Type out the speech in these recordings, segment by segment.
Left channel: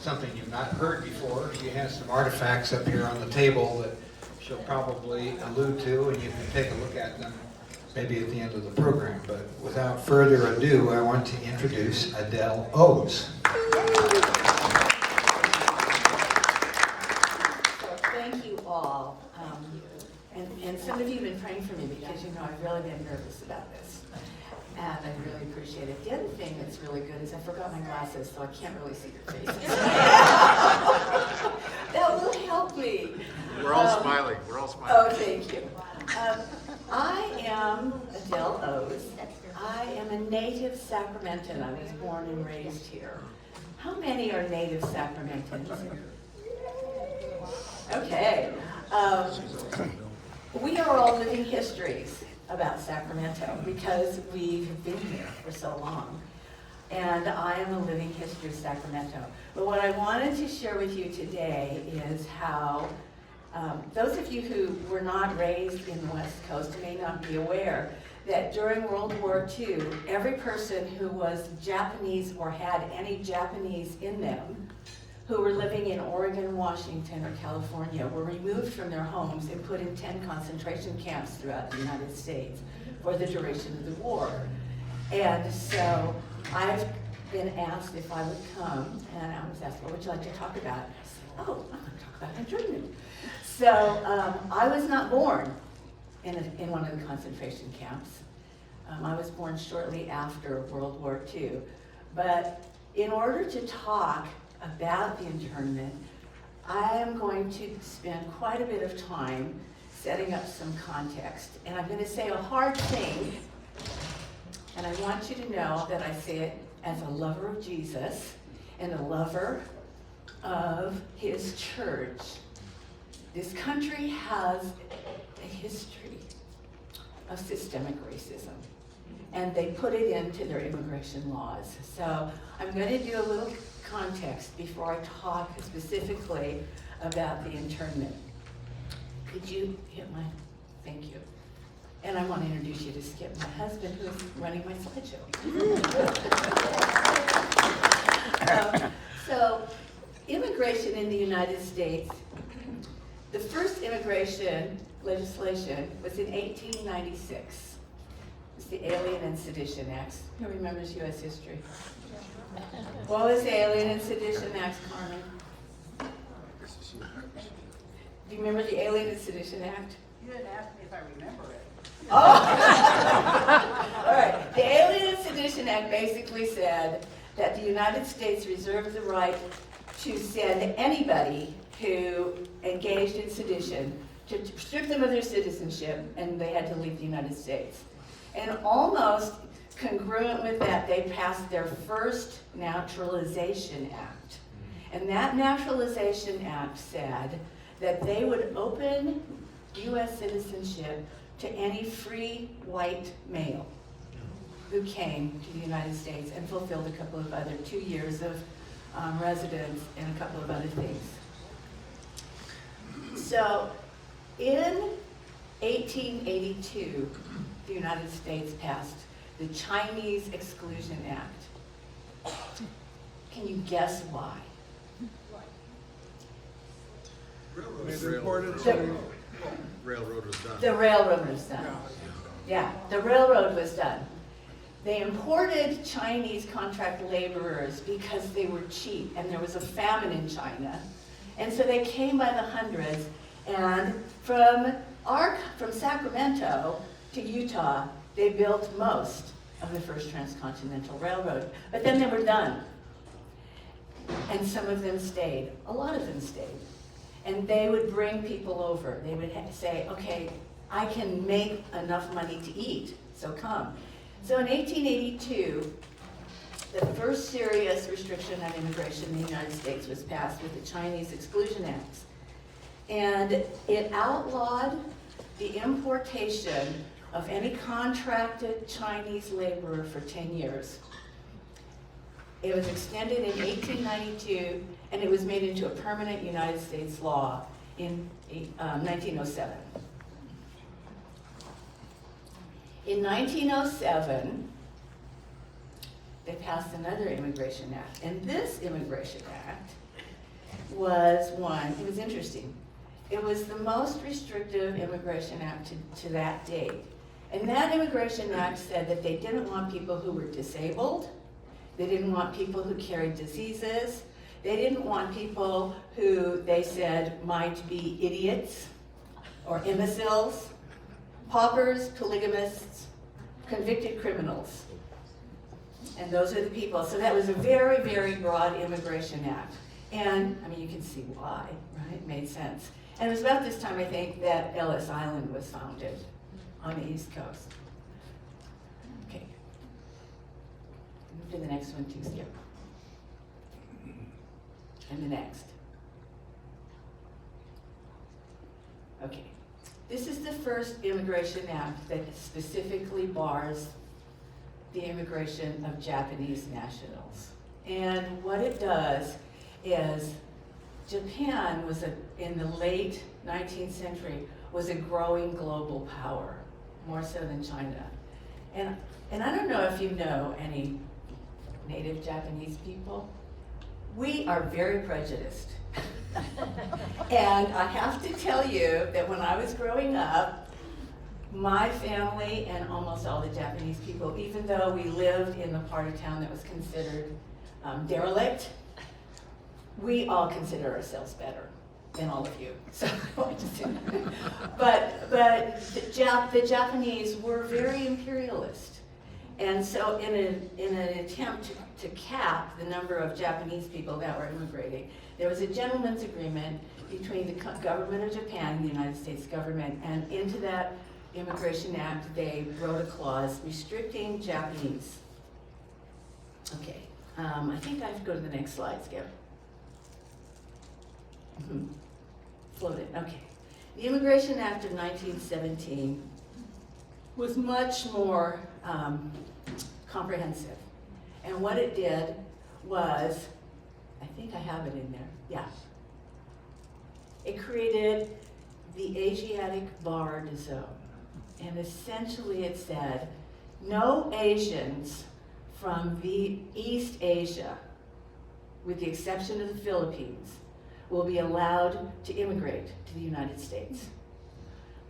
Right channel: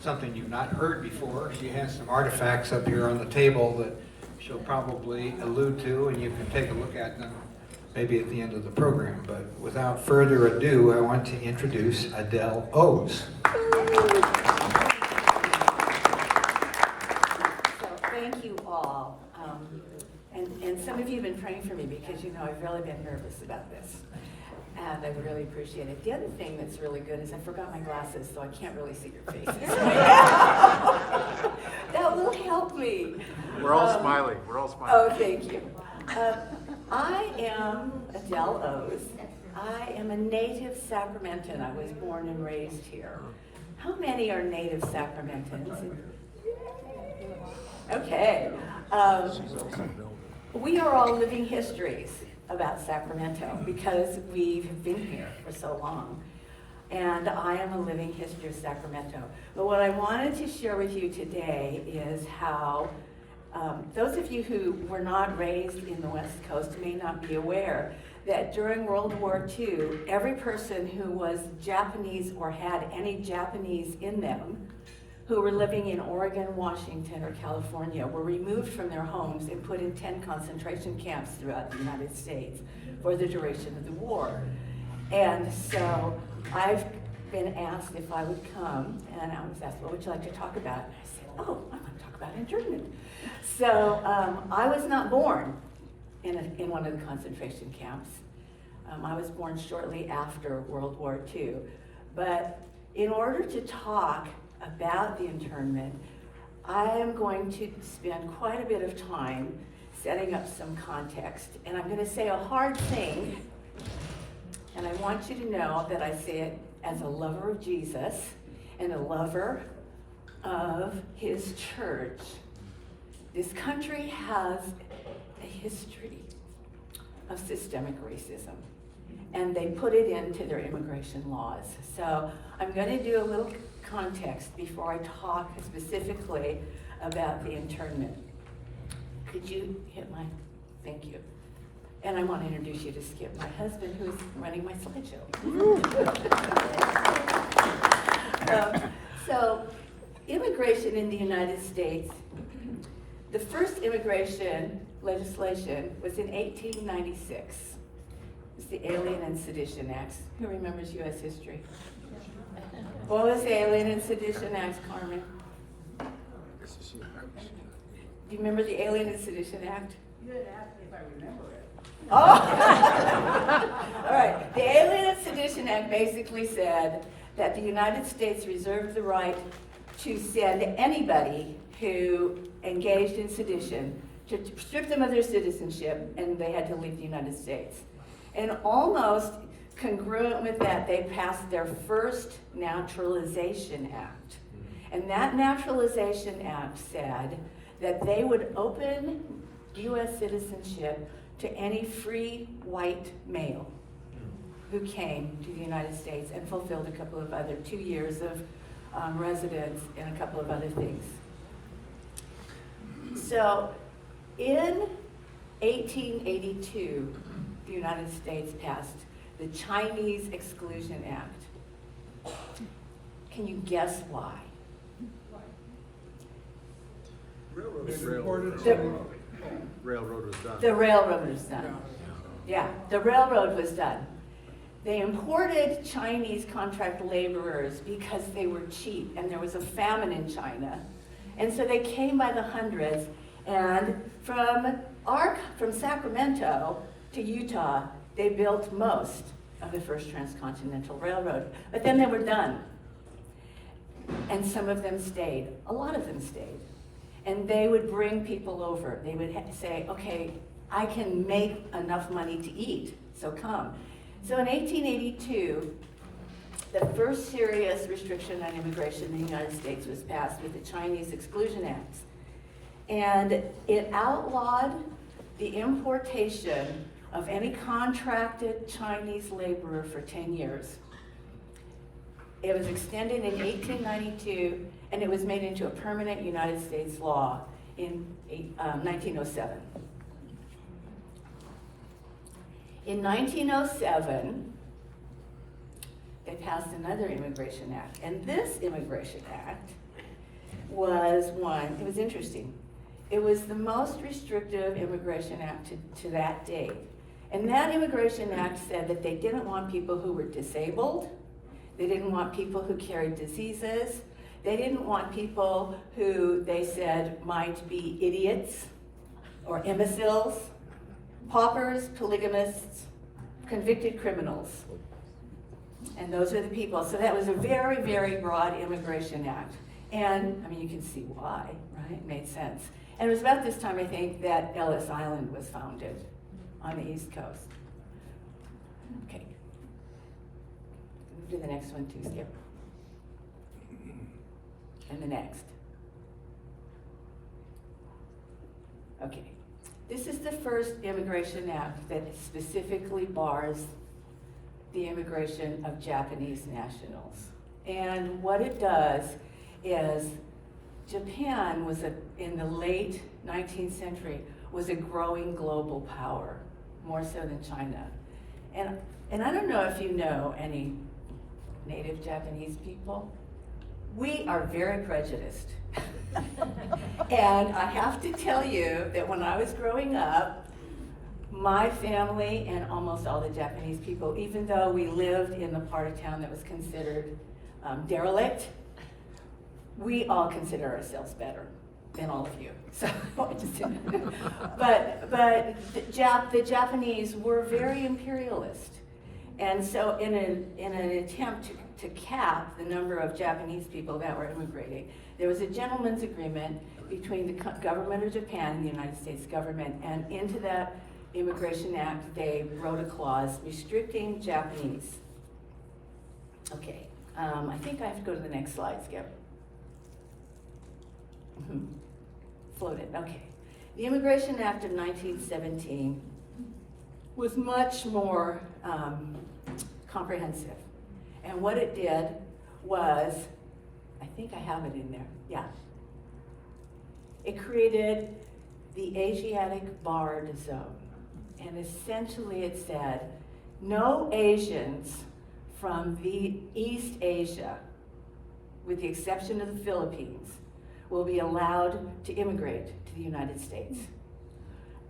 something you've not heard before. She has some artifacts up here on the table that she'll probably allude to, and you can take a look at them maybe at the end of the program. But without further ado, I want to introduce Adele O's. Thank you all. And some of you have been praying for me because you know I've really been nervous about this. And I really appreciate it. The other thing that's really good is I forgot my glasses, so I can't really see your faces. That will help me. We're all smiling. We're all smiling. Oh, thank you. I am Adele O's. I am a native Sacramentan. I was born and raised here. How many are native Sacramentans? Okay. We are all living histories about Sacramento because we've been here for so long. And I am a living history of Sacramento. But what I wanted to share with you today is how those of you who were not raised in the West Coast may not be aware that during World War II, every person who was Japanese or had any Japanese in them who were living in Oregon, Washington, or California were removed from their homes and put in 10 concentration camps throughout the United States for the duration of the war. And so I've been asked if I would come, and I was asked, what would you like to talk about? And I said, oh, I'm going to talk about internment. So I was not born in one of the concentration camps. I was born shortly after World War II. But in order to talk about the internment, I am going to spend quite a bit of time setting up some context. And I'm going to say a hard thing, and I want you to know that I say it as a lover of Jesus and a lover of his church. This country has a history of systemic racism, and they put it into their immigration laws. So I'm going to do a little context before I talk specifically about the internment. Could you hit my, thank you. And I want to introduce you to Skip, my husband, who's running my slideshow. So immigration in the United States, the first immigration legislation was in 1896. It's the Alien and Sedition Acts. Who remembers U.S. history? What was the Alien and Sedition Act, Carmen? Do you remember the Alien and Sedition Act? You didn't ask me if I remember it. Oh! All right. The Alien and Sedition Act basically said that the United States reserved the right to send anybody who engaged in sedition to strip them of their citizenship, and they had to leave the United States. And almost congruent with that, they passed their first Naturalization Act. And that Naturalization Act said that they would open U.S. citizenship to any free white male who came to the United States and fulfilled a couple of other 2 years of residence and a couple of other things. So in 1882, the United States passed the Chinese Exclusion Act. Can you guess why? Railroad was done. The railroad was done. Yeah, the railroad was done. They imported Chinese contract laborers because they were cheap and there was a famine in China. And so they came by the hundreds, and from Sacramento to Utah, they built most of the first transcontinental railroad. But then they were done. And some of them stayed. A lot of them stayed. And they would bring people over. They would say, okay, I can make enough money to eat, so come. So in 1882, the first serious restriction on immigration in the United States was passed with the Chinese Exclusion Act. And it outlawed the importation of any contracted Chinese laborer for 10 years. It was extended in 1892, and it was made into a permanent United States law in 1907. In 1907, they passed another Immigration Act. And this Immigration Act was one, it was interesting. It was the most restrictive Immigration Act to that date. And that Immigration Act said that they didn't want people who were disabled, they didn't want people who carried diseases, they didn't want people who they said might be idiots or imbeciles, paupers, polygamists, convicted criminals. And those are the people. So that was a very, very broad Immigration Act. And, I mean, you can see why, right? It made sense. And it was about this time, I think, that Ellis Island was founded on the East Coast. Okay. Move to the next one too, Skip. And the next. Okay. This is the first Immigration Act that specifically bars the immigration of Japanese nationals. And what it does is Japan was in the late 19th century was a growing global power, more so than China. And I don't know if you know any native Japanese people. We are very prejudiced. And I have to tell you that when I was growing up, my family and almost all the Japanese people, even though we lived in the part of town that was considered derelict, we all consider ourselves better than all of you. So, but the Japanese were very imperialist, and so in an attempt to cap the number of Japanese people that were immigrating, there was a gentleman's agreement between the government of Japan and the United States government, and into that Immigration Act, they wrote a clause restricting Japanese. Okay, I think I have to go to the next slide, Skip. Float it, okay. The Immigration Act of 1917 was much more comprehensive. And what it did was, I think I have it in there, yeah. It created the Asiatic Barred Zone. And essentially it said, no Asians from the East Asia, with the exception of the Philippines, will be allowed to immigrate to the United States.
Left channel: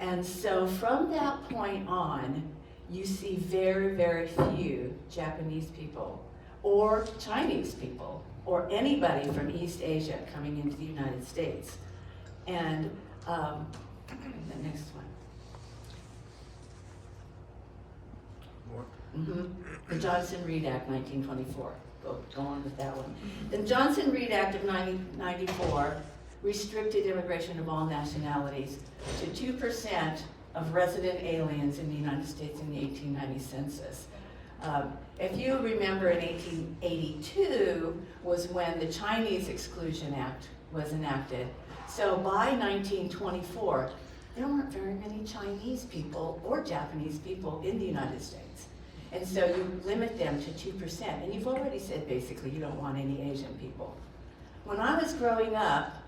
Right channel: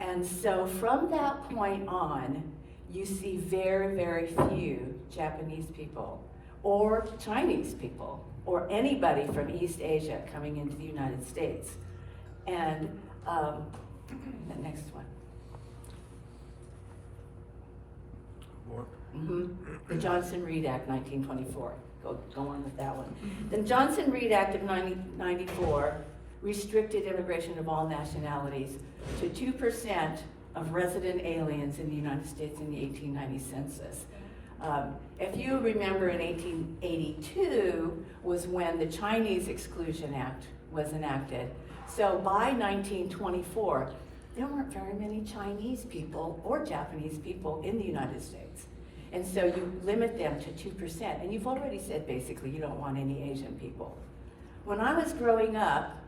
And so from that point on, you see very, very few Japanese people or Chinese people or anybody from East Asia coming into the United States. And the next one. The Johnson-Reed Act, 1924. Go on with that one. The Johnson-Reed Act of 1994 restricted immigration of all nationalities to 2% of resident aliens in the United States in the 1890 census. If you remember, in 1882 was when the Chinese Exclusion Act was enacted. So by 1924, there weren't very many Chinese people or Japanese people in the United States. And so you limit them to 2%. And you've already said basically you don't want any Asian people. When I was growing up,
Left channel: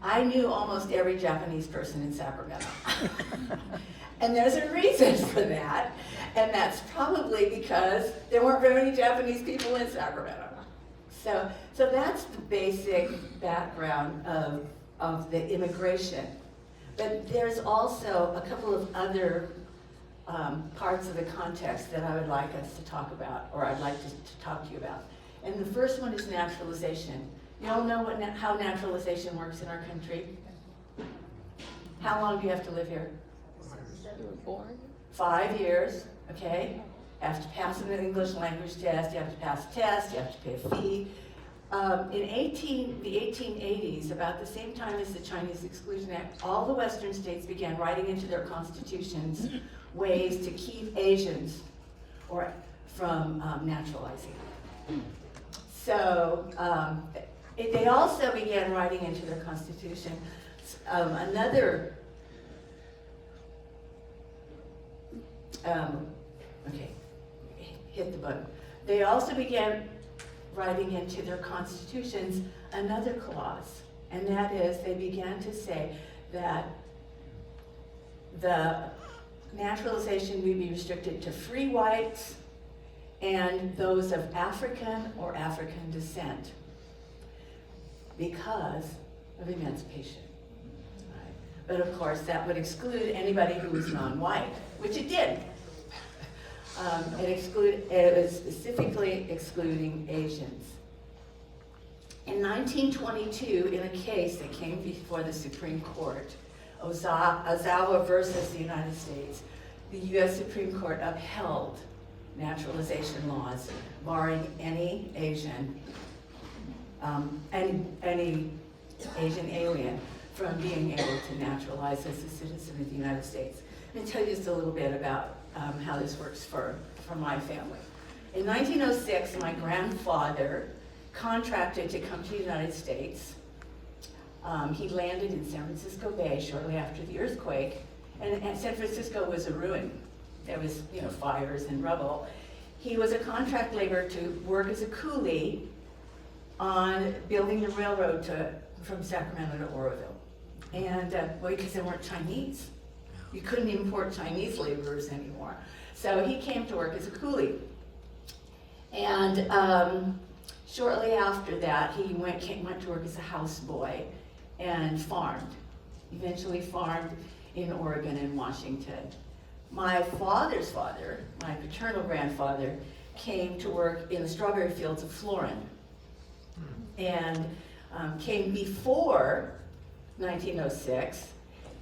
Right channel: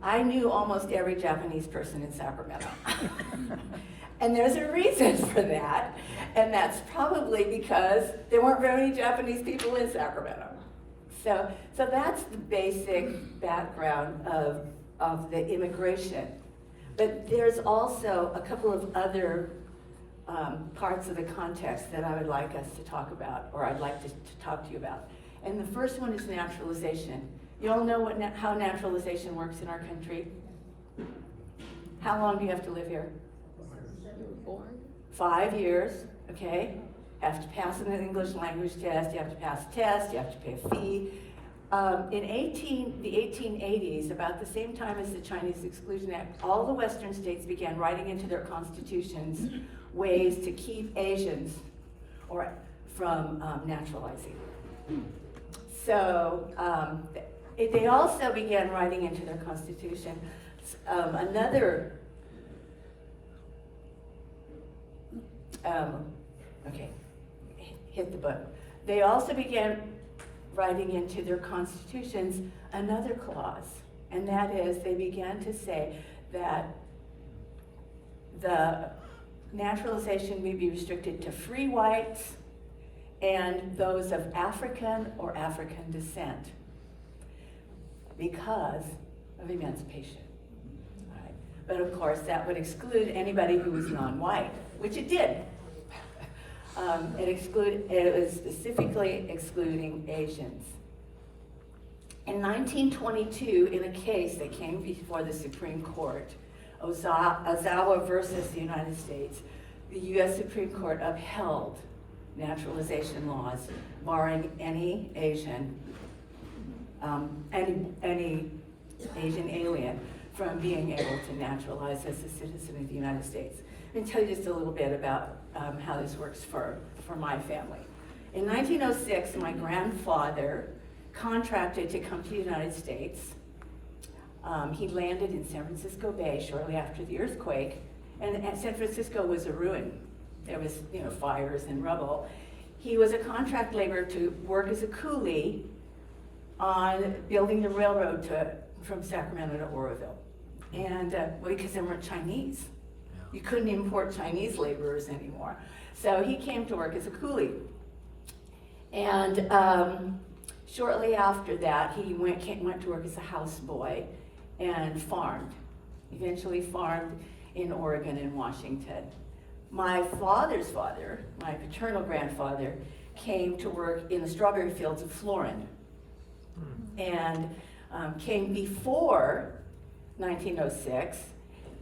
I knew almost every Japanese person in Sacramento. And there's a reason for that. And that's probably because there weren't very many Japanese people in Sacramento. So that's the basic background of the immigration. But there's also a couple of other parts of the context that I would like us to talk about, or I'd like to talk to you about. And the first one is naturalization. You all know how naturalization works in our country? How long do you have to live here? 5 years, okay? You have to pass an English language test, you have to pass a test, you have to pay a fee. In the 1880s, about the same time as the Chinese Exclusion Act, all the Western states began writing into their constitutions ways to keep Asians from naturalizing. So they also began writing into their constitution hit the button. They also began writing into their constitutions another clause, and that is they began to say that the naturalization may be restricted to free whites and those of African or African descent because of emancipation. Right? But of course, that would exclude anybody who was non-white, which it did. It was specifically excluding Asians. In 1922, in a case that came before the Supreme Court, Ozawa versus the United States, the U.S. Supreme Court upheld naturalization laws barring any Asian alien from being able to naturalize as a citizen of the United States. Let me tell you just a little bit about how this works for my family. In 1906, my grandfather contracted to come to the United States. He landed in San Francisco Bay shortly after the earthquake, and San Francisco was a ruin. There was, fires and rubble. He was a contract laborer to work as a coolie on building the railroad from Sacramento to Oroville. And, because there weren't Chinese. You couldn't import Chinese laborers anymore. So he came to work as a coolie. And shortly after that, he went to work as a houseboy and farmed. Eventually farmed in Oregon and Washington. My father's father, my paternal grandfather, came to work in the strawberry fields of Florin. And came before 1906.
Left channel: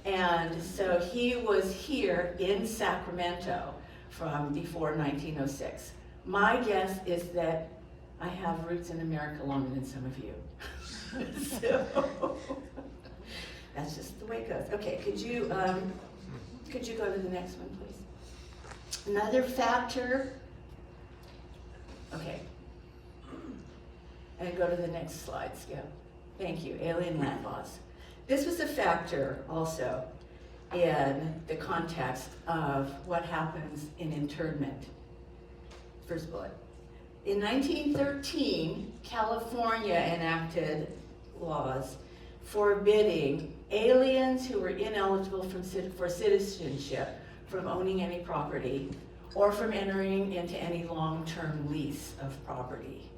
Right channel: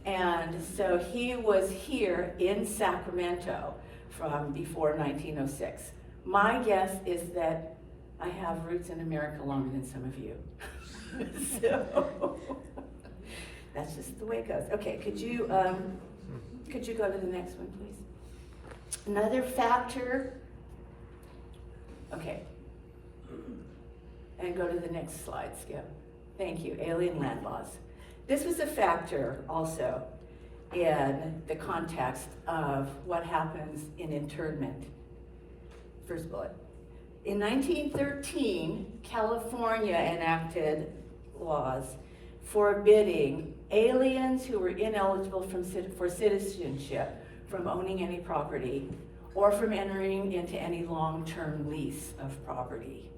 And so he was here in Sacramento from before 1906. My guess is that I have roots in America longer than some of you. So that's just the way it goes. Okay, could you go to the next one, please? Another factor. Okay. And go to the next slide, Skip. Thank you, alien land laws. This was a factor also in the context of what happens in internment. First bullet. In 1913, California enacted laws forbidding aliens who were ineligible for citizenship from owning any property or from entering into any long-term lease of property.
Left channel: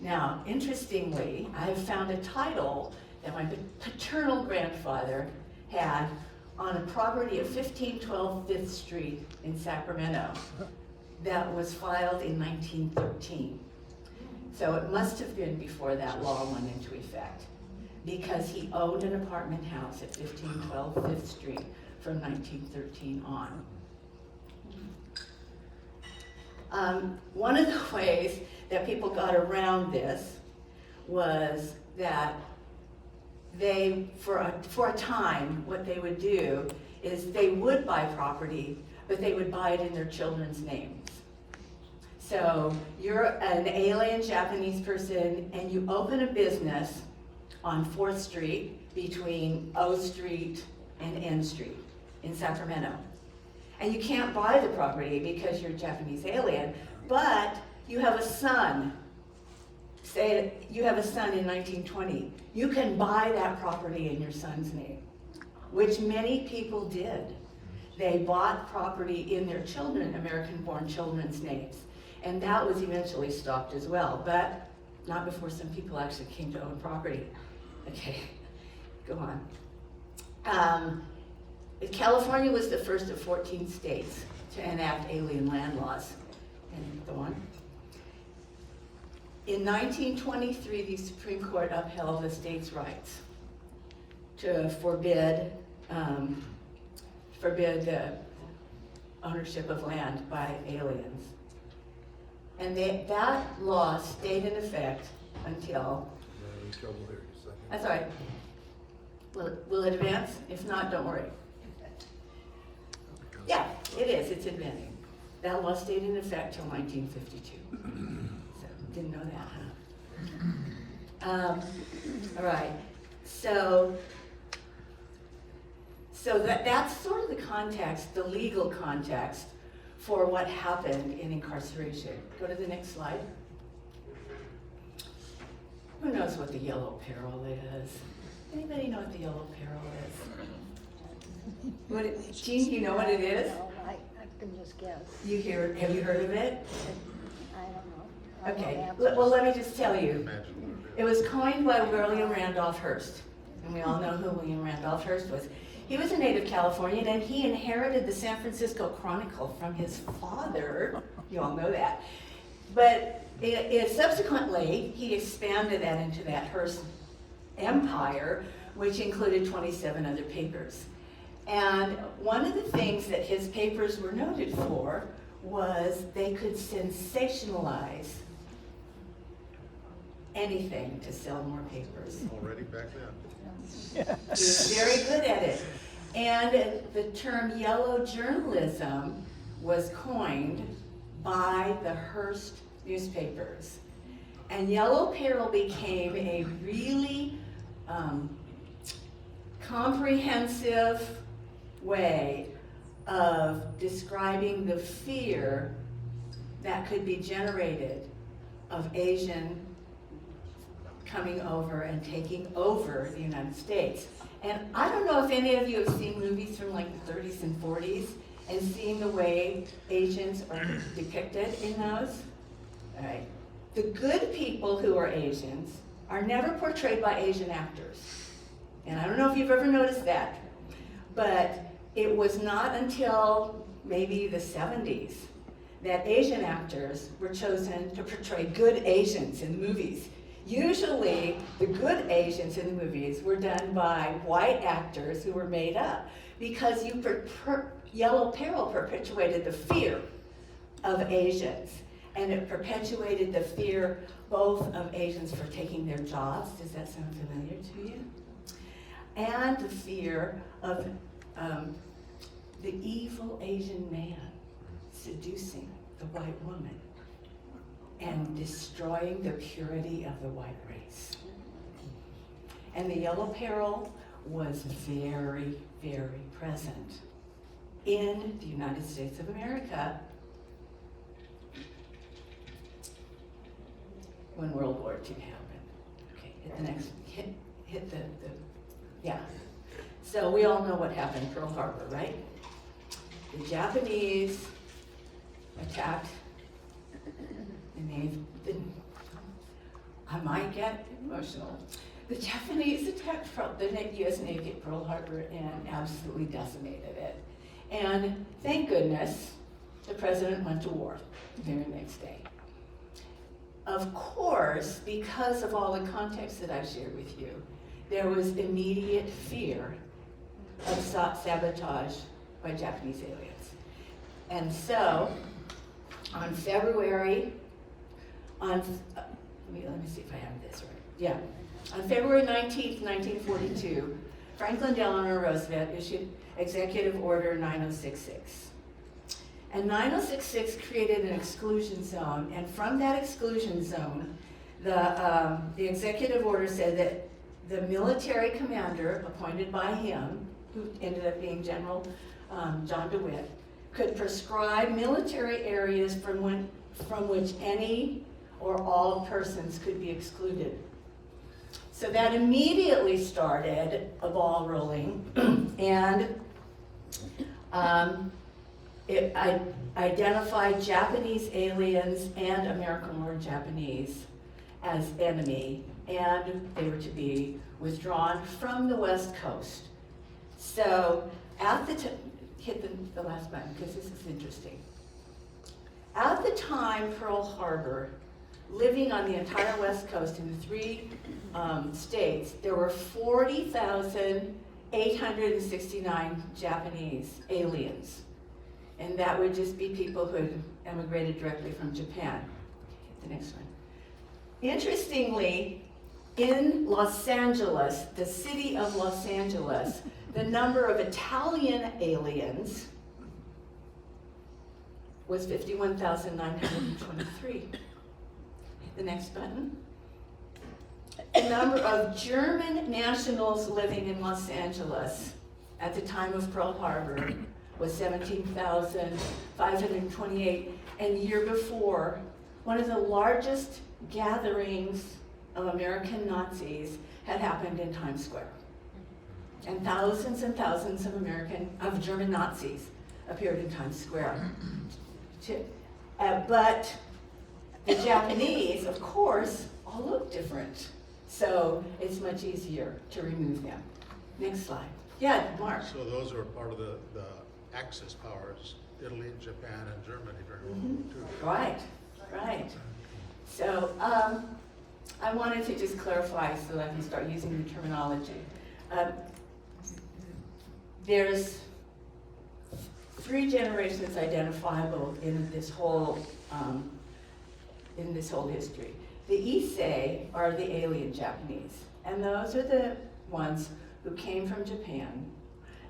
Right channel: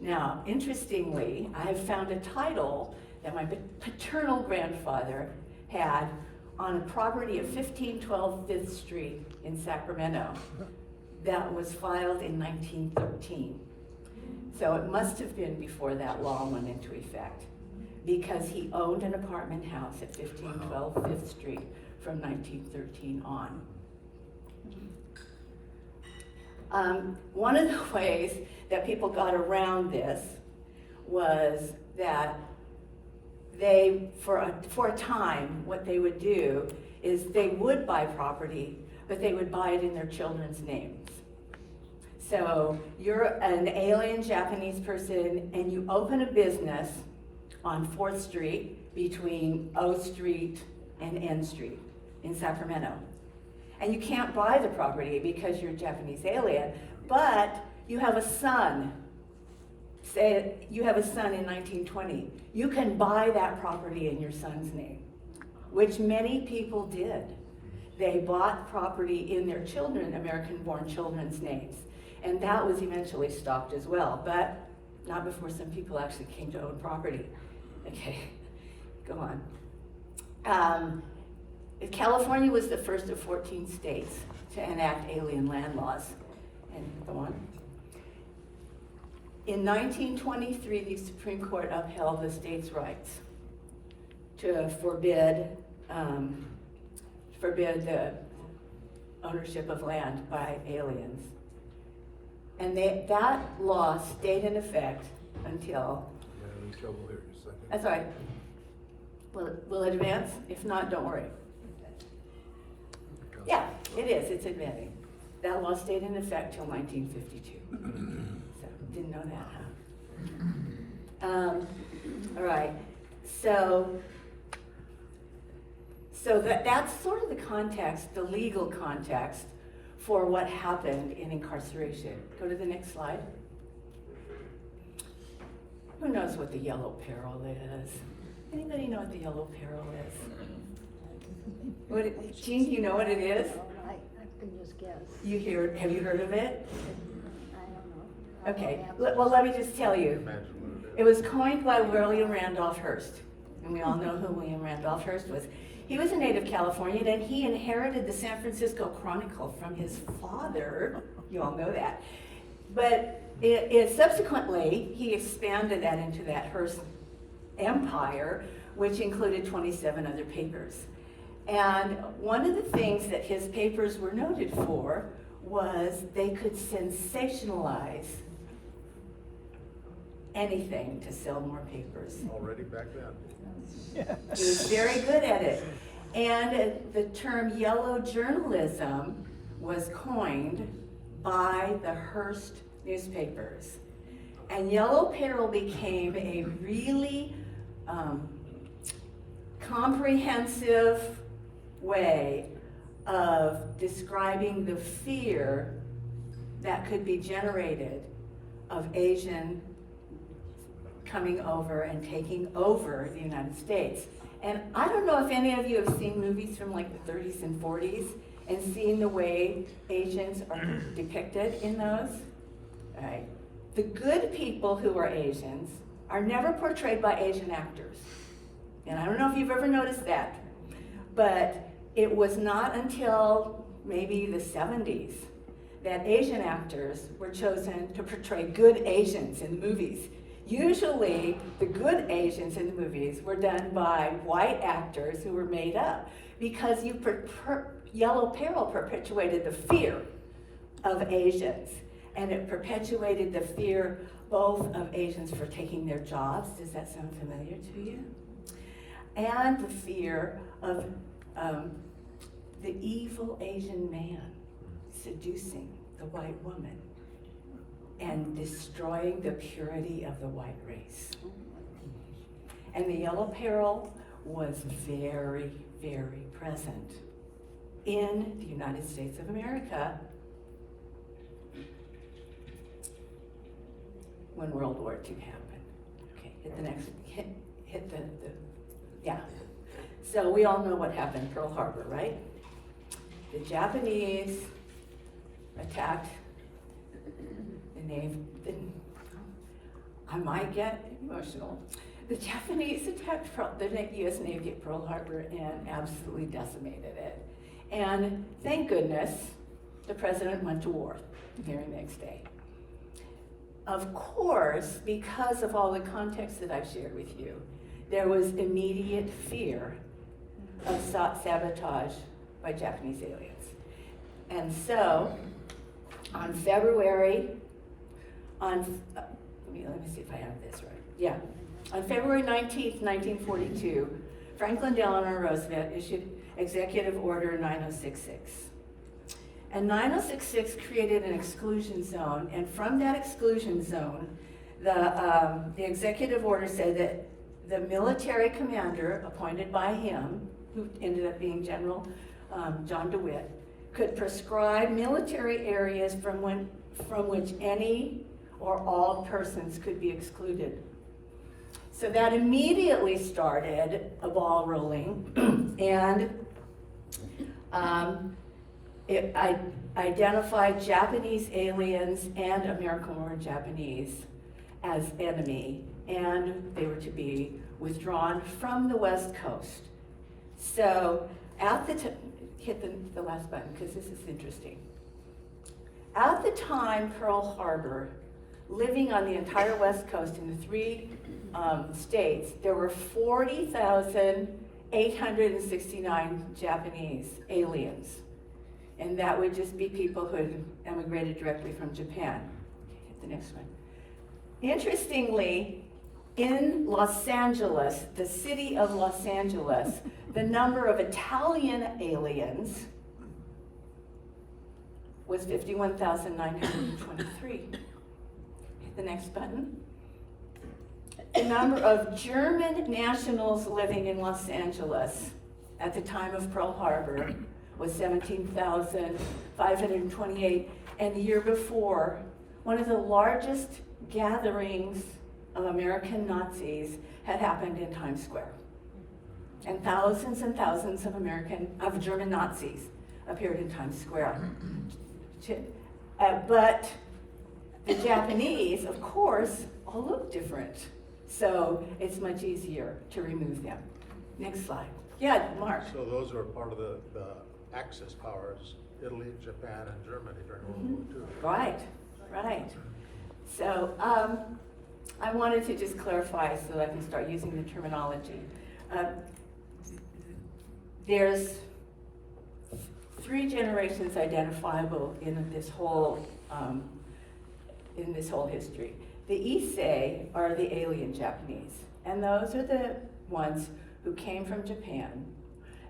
Now, interestingly, I have found a title that my paternal grandfather had on a property at 1512 5th Street in Sacramento that was filed in 1913. So it must have been before that law went into effect, because he owned an apartment house at 1512 5th Street from 1913 on. One of the ways that people got around this was that they, for a time, what they would do is they would buy property, but they would buy it in their children's names. So you're an alien Japanese person and you open a business on 4th Street between O Street and N Street in Sacramento. And you can't buy the property because you're a Japanese alien, but you have a son. Say you have a son in 1920. You can buy that property in your son's name, which many people did. They bought property in their children, American-born children's names. And that was eventually stopped as well, but not before some people actually came to own property. Okay, go on. California was the first of 14 states to enact alien land laws. And go on. In 1923, the Supreme Court upheld the state's rights to forbid the ownership of land by aliens. And that law stayed in effect until, that's all right. Will it advance? If not, don't worry. Yeah, it is, it's advancing. That law stayed in effect till 1952. So, didn't know that, huh? All right, so that's sort of the context, the legal context for what happened in incarceration. Go to the next slide. Who knows what the yellow peril is? Anybody know what the yellow peril is? Jean, you know what it is? I can just guess. Have you heard of it? Okay, well, let me just tell you. It was coined by William Randolph Hearst, and we all know who William Randolph Hearst was. He was a native Californian, and he inherited the San Francisco Chronicle from his father. You all know that. But subsequently, he expanded that into that Hearst empire, which included 27 other papers. And one of the things that his papers were noted for was they could sensationalize anything to sell more papers. Already back then. He was very good at it. And the term yellow journalism was coined by the Hearst newspapers. And yellow peril became a really comprehensive way of describing the fear that could be generated of Asian coming over and taking over the United States. And I don't know if any of you have seen movies from like the 30s and 40s and seen the way Asians are depicted in those. All right. The good people who are Asians are never portrayed by Asian actors. And I don't know if you've ever noticed that, but it was not until maybe the 70s that Asian actors were chosen to portray good Asians in movies. Usually, the good Asians in the movies were done by white actors who were made up because Yellow Peril perpetuated the fear of Asians, and it perpetuated the fear both of Asians for taking their jobs. Does that sound familiar to you? And the fear of the evil Asian man seducing the white woman and destroying the purity of the white race. And the yellow peril was very, very present in the United States of America when World War II happened. Okay, hit the next, hit the yeah. So we all know what happened, Pearl Harbor, right? The Japanese attacked the Navy. I might get emotional. The Japanese attacked the U.S. Navy at Pearl Harbor and absolutely decimated it. And thank goodness, the president went to war the very next day. Of course, because of all the context that I've shared with you, there was immediate fear of sabotage by Japanese aliens. And so, on February, let me see if I have this right. Yeah. On February 19th, 1942, Franklin Delano Roosevelt issued Executive Order 9066. And 9066 created an exclusion zone, and from that exclusion zone, the executive order said that the military commander appointed by him, who ended up being General John DeWitt, could prescribe military areas from which any or all persons could be excluded. So that immediately started a ball rolling, and it identified Japanese aliens and American-born Japanese as enemy, and they were to be withdrawn from the West Coast. So at the hit the last button because this is interesting. At the time, Pearl Harbor, living on the entire West Coast in the three states, there were 40,869 Japanese aliens. And that would just be people who had emigrated directly from Japan. Okay, hit the next one. Interestingly, in Los Angeles, the city of Los Angeles, the number of Italian aliens was 51,923. Hit the next button. The number of German nationals living in Los Angeles at the time of Pearl Harbor was 17,528. And the year before, one of the largest gatherings of American Nazis had happened in Times Square. And thousands of German Nazis appeared in Times Square. But The Japanese, of course, all look different. So it's much easier to remove them. Next slide. Yeah, Mark. So those are part of the Axis powers, Italy, Japan, and Germany during World War II. Right. So I wanted to just clarify so that I can start using the terminology. There's 3 generations identifiable in this whole history. The Issei are the alien Japanese, and those are the ones who came from Japan,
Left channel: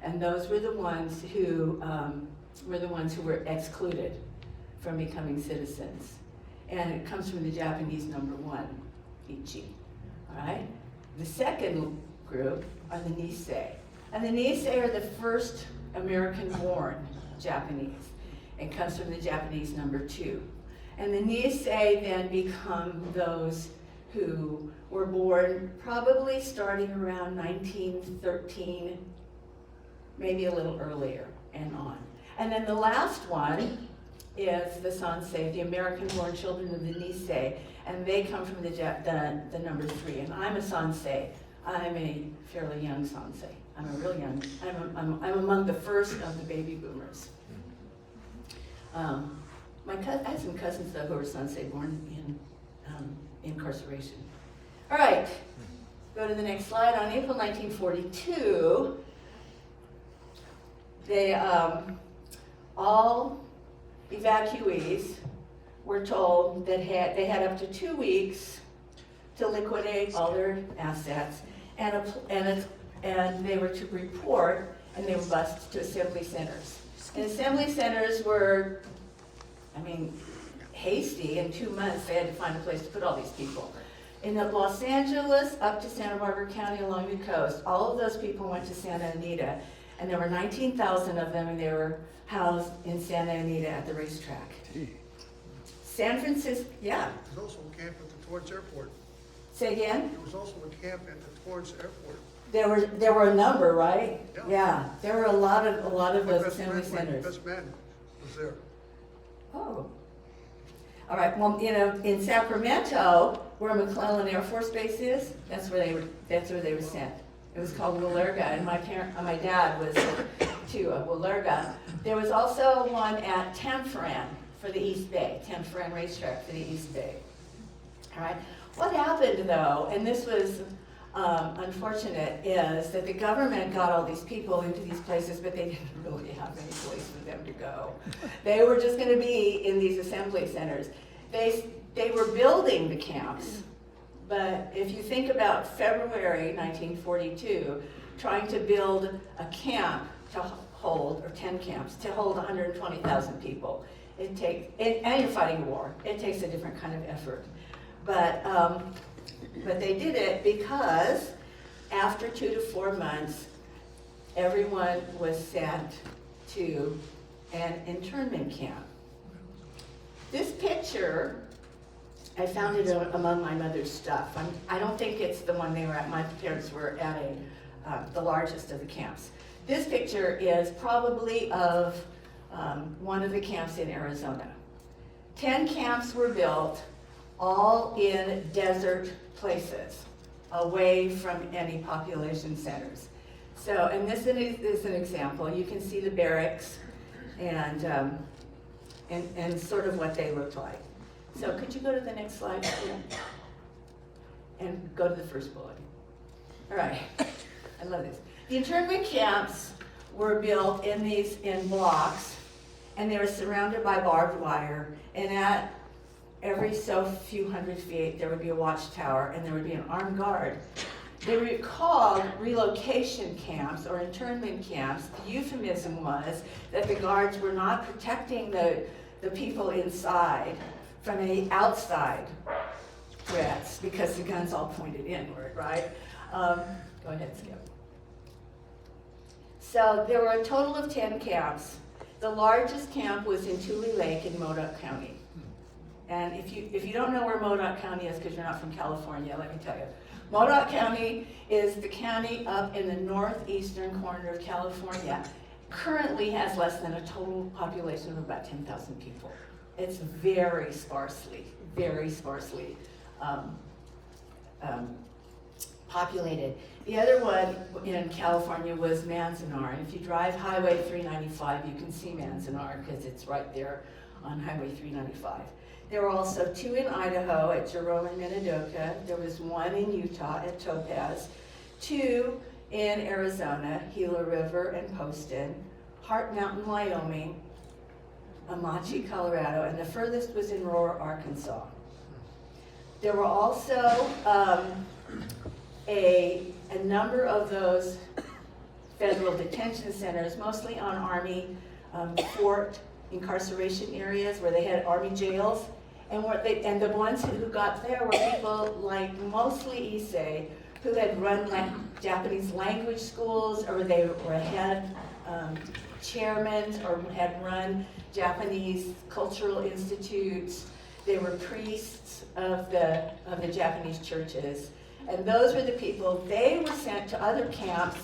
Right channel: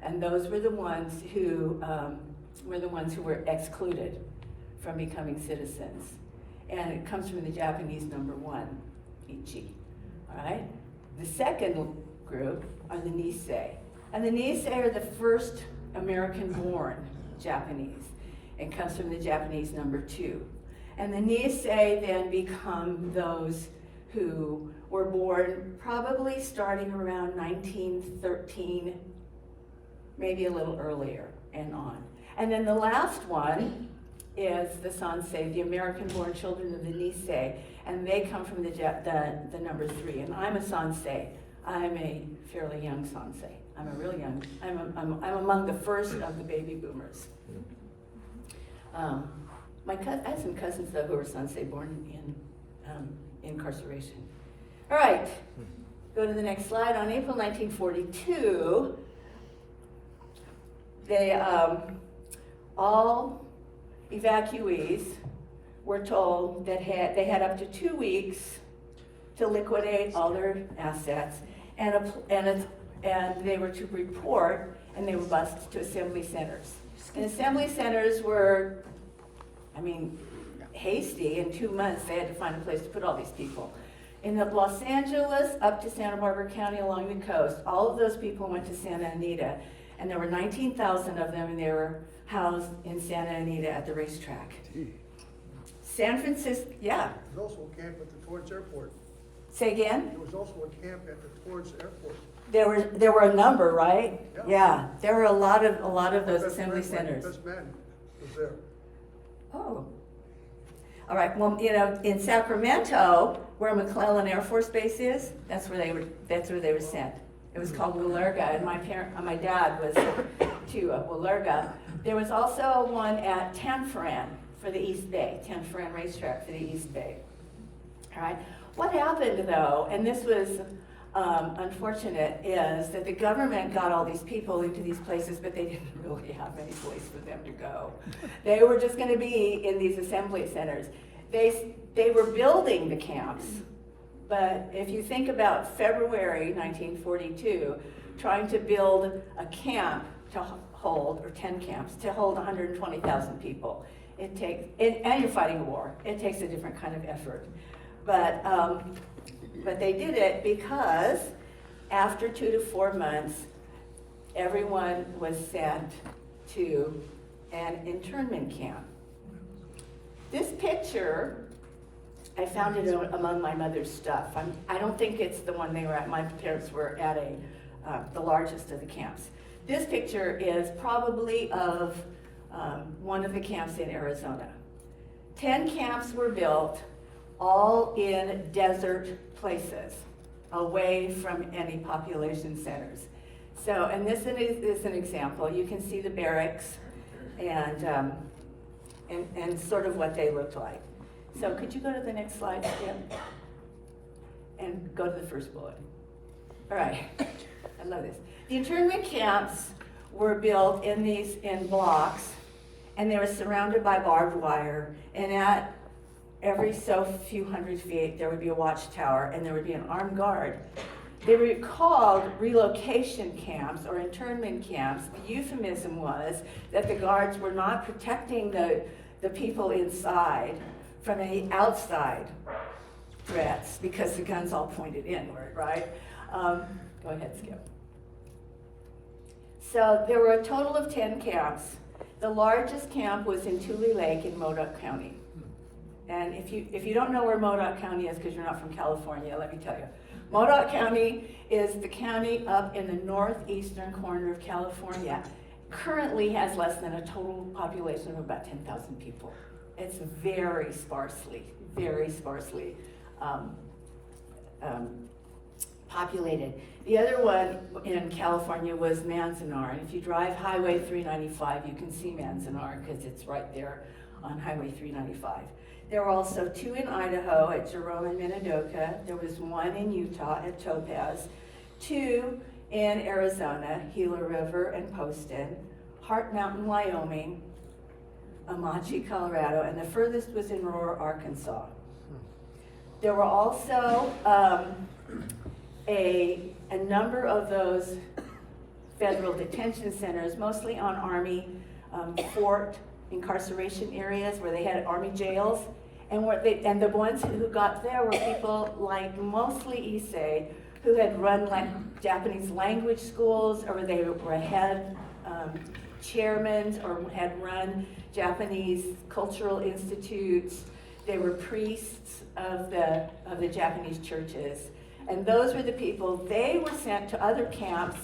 and those were the ones who were excluded from becoming citizens. And it comes from the Japanese number 1, Ichi. All right? The second group are the Nisei. And the Nisei are the first American-born Japanese. It comes from the Japanese number 2. And the Nisei then become those who were born probably starting around 1913, maybe a little earlier and on. And then the last one is the Sansei, the American-born children of the Nisei, and they come from the number 3. And I'm a Sansei. I'm a fairly young Sansei. I'm a real young. I'm among the first of the baby boomers. I have some cousins though who were Sansei born in incarceration. All right, go to the next slide. On April 1942, they all evacuees were told that they had up to 2 weeks to liquidate all their assets, and they were to report, and they were bused to assembly centers. And assembly centers were, hasty. In 2 months, they had to find a place to put all these people. In Los Angeles, up to Santa Barbara County along the coast, all of those people went to Santa Anita, and there were 19,000 of them, and they were housed in Santa Anita at the racetrack. San Francisco, yeah. There was also a camp at the Torrance Airport. Say again? There was also a camp at the Torrance Airport. There were a number, right? Yeah. There were a lot of My those best assembly friend, my centers. best man was there. Oh. All right, well, in Sacramento, where McClellan Air Force Base is, that's where they were sent. It was called Willerga, and my dad was to Willerga. There was also one at Tanforan for the East Bay, Tanforan Racetrack for the East Bay. All right, what happened though, and this was unfortunate, is that the government got all these people into these places, but they didn't really have any place for them to go. They were just going to be in these assembly centers. They were building the camps, but if you think about February 1942, trying to build a camp to hold, or 10 camps, to hold 120,000 people, and you're fighting a war, it takes a different kind of effort. But they did it because after 2 to 4 months, everyone was sent to an internment camp. This picture, I found it among my mother's stuff. I don't think it's the one they were at. My parents were at the largest of the camps. This picture is probably of one of the camps in Arizona. 10 camps were built, all in desert places, away from any population centers. So, and this is an example. You can see the barracks and sort of what they looked like. So could you go to the next slide again? And go to the first bullet. All right, I love this. The internment camps were built in blocks, and they were surrounded by barbed wire, and at every so few hundred feet, there would be a watchtower, and there would be an armed guard. They were called relocation camps or internment camps. The euphemism was that the guards were not protecting the people inside from any outside threats because the guns all pointed inward, right? Go ahead, Skip. So there were a total of 10 camps. The largest camp was in Tule Lake in Modoc County. And if you don't know where Modoc County is because you're not from California, let me tell you. Modoc County is the county up in the northeastern corner of California. Currently has less than a total population of about 10,000 people. It's very sparsely populated. The other one in California was Manzanar, and if you drive Highway 395, you can see Manzanar because it's right there on Highway 395. There were also 2 in Idaho at Jerome and Minidoka. There was 1 in Utah at Topaz, 2 in Arizona, Gila River and Poston, Heart Mountain, Wyoming, Amache, Colorado, and the furthest was in Roar, Arkansas. There were also a number of those federal detention centers, mostly on Army fort incarceration areas where they had Army jails. And the ones who got there were people like mostly Issei, who had run like Japanese language schools, or they had chairmen, or had run Japanese cultural institutes. They were priests of the Japanese churches. And those were the people. They were sent to other camps.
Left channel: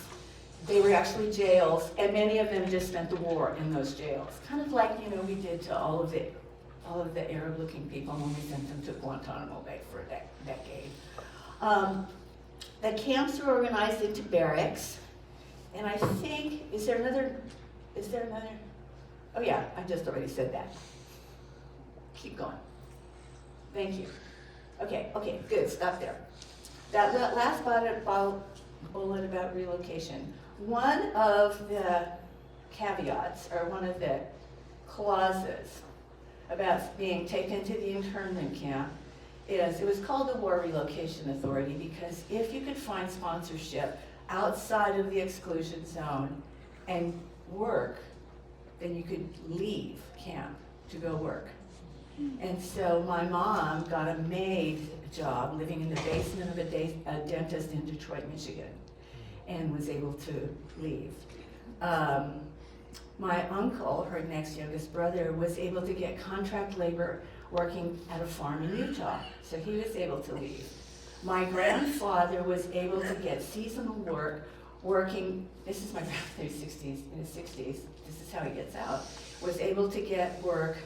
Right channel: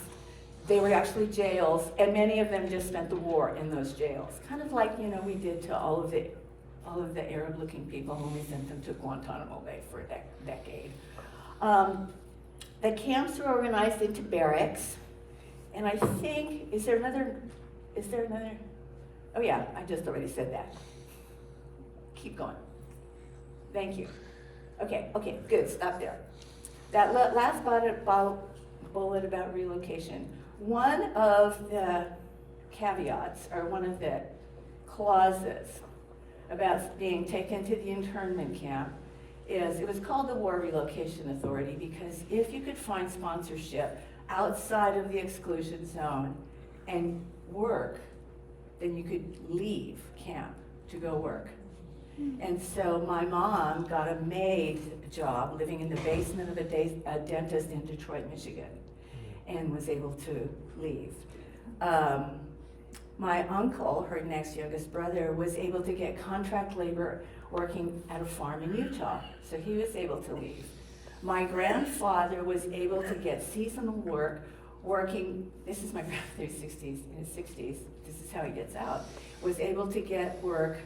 They were actually jails, and many of them just spent the war in those jails. Kind of like, we did to all of the Arab-looking people when we sent them to Guantanamo Bay for a decade. The camps were organized into barracks, and I think, is there another, oh yeah, I just already said that. Keep going. Thank you. Okay, good, stop there. That last bullet about relocation, one of the caveats, or one of the clauses about being taken to the internment camp is, it was called the War Relocation Authority because if you could find sponsorship outside of the exclusion zone and work, then you could leave camp to go work. And so my mom got a maid job living in the basement of a dentist in Detroit, Michigan, and was able to leave. My uncle, her next youngest brother, was able to get contract labor working at a farm in Utah, so he was able to leave. My grandfather was able to get seasonal work working, this is my grandfather's 60s, in his 60s, this is how he gets out, was able to get work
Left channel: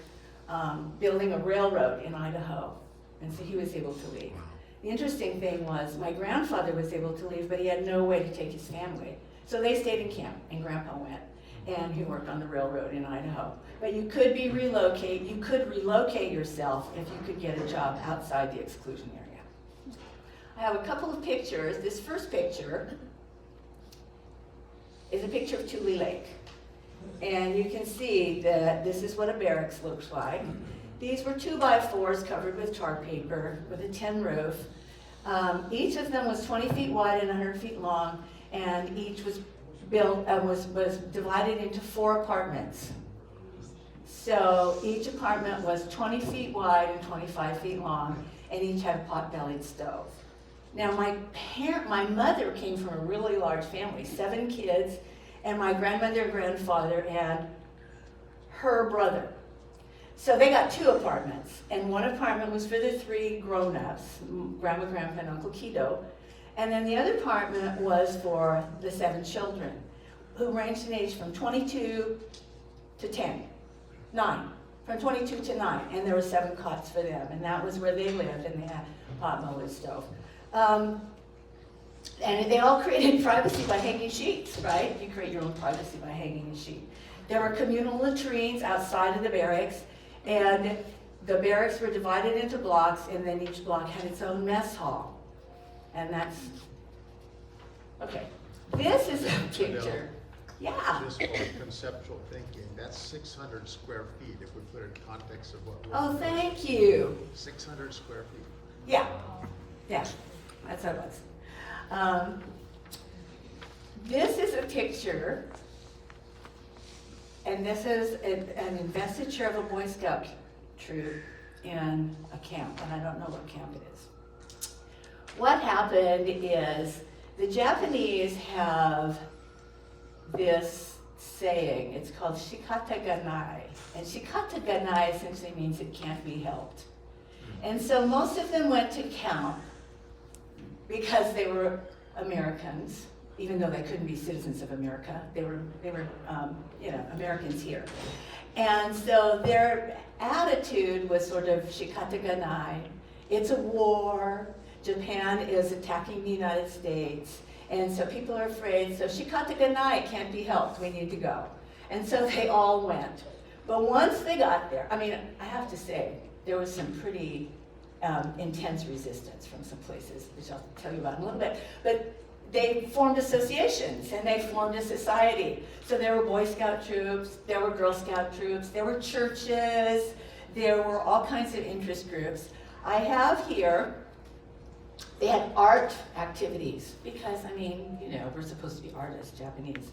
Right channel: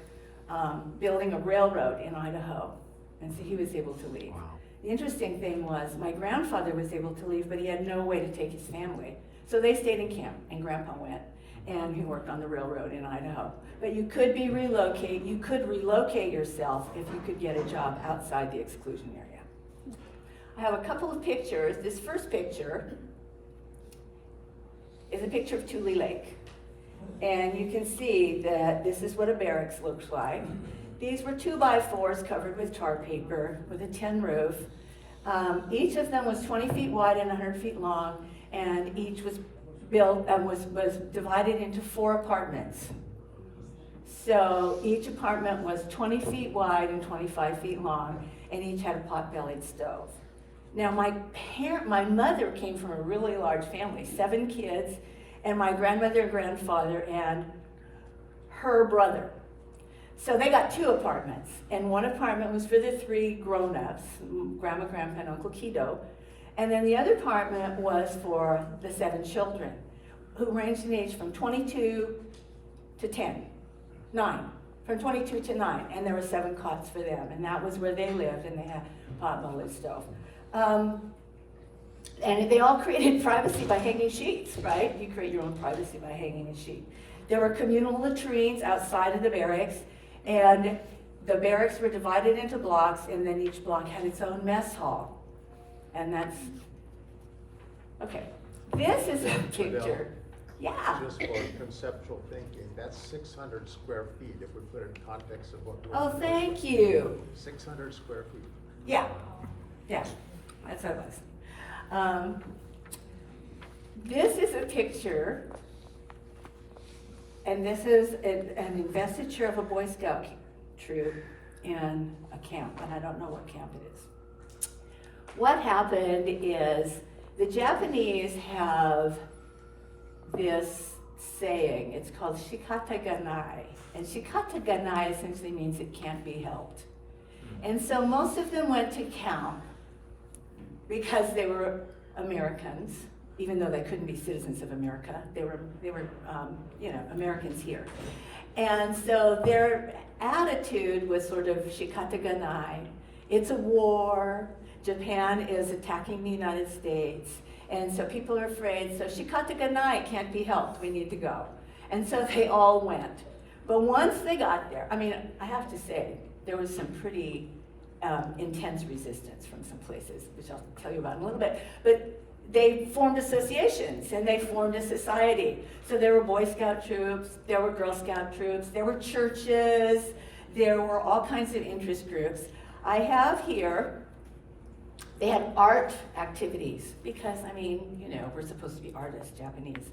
building a railroad in Idaho, and so he was able to leave. Wow. The interesting thing was my grandfather was able to leave, but he had no way to take his family. So they stayed in camp, and Grandpa went, and he worked on the railroad in Idaho. But you could relocate yourself if you could get a job outside the exclusion area. I have a couple of pictures. This first picture is a picture of Tule Lake. And you can see that this is what a barracks looks like. These were 2x4s covered with tar paper with a tin roof. Each of them was 20 feet wide and 100 feet long, and each was built was divided into 4 apartments. So each apartment was 20 feet wide and 25 feet long, and each had a pot-bellied stove. Now my mother came from a really large family, 7 kids, and my grandmother and grandfather and her brother. So they got 2 apartments, and one apartment was for the 3 grown-ups, Grandma, Grandpa, and Uncle Keto, and then the other apartment was for the 7 children, who ranged in age from 22 to 9, from 22 to 9, and there were 7 cots for them, and that was where they lived, and they had a pot-bellied stove. And they all created privacy by hanging sheets, right? You create your own privacy by hanging a sheet. There were communal latrines outside of the barracks, and the barracks were divided into blocks, and then each block had its own mess hall. And that's, okay. This is a picture. Yeah. Just for conceptual thinking, that's 600 square feet if we put it in context of what we're. Oh, thank you. 600 square feet. Yeah, that's how it was. This is a picture, and this is an investiture of a Boy Scout troop in a camp, and I don't know what camp it is. What happened is the Japanese have this saying, it's called shikata ganai, and shikata ganai essentially means it can't be helped. And so most of them went to camp because they were Americans, even though they couldn't be citizens of America. They were Americans here. And so their attitude was sort of shikata-ganai. It's a war. Japan is attacking the United States. And so people are afraid. So shikata-ganai can't be helped. We need to go. And so they all went. But once they got there, I mean, I have to say, there was some pretty intense resistance from some places, which I'll tell you about in a little bit. But they formed associations and they formed a society. So there were Boy Scout troops, there were Girl Scout troops, there were churches, there were all kinds of interest groups. I have here, they had art activities because, I mean, you know, we're supposed to be artists, Japanese.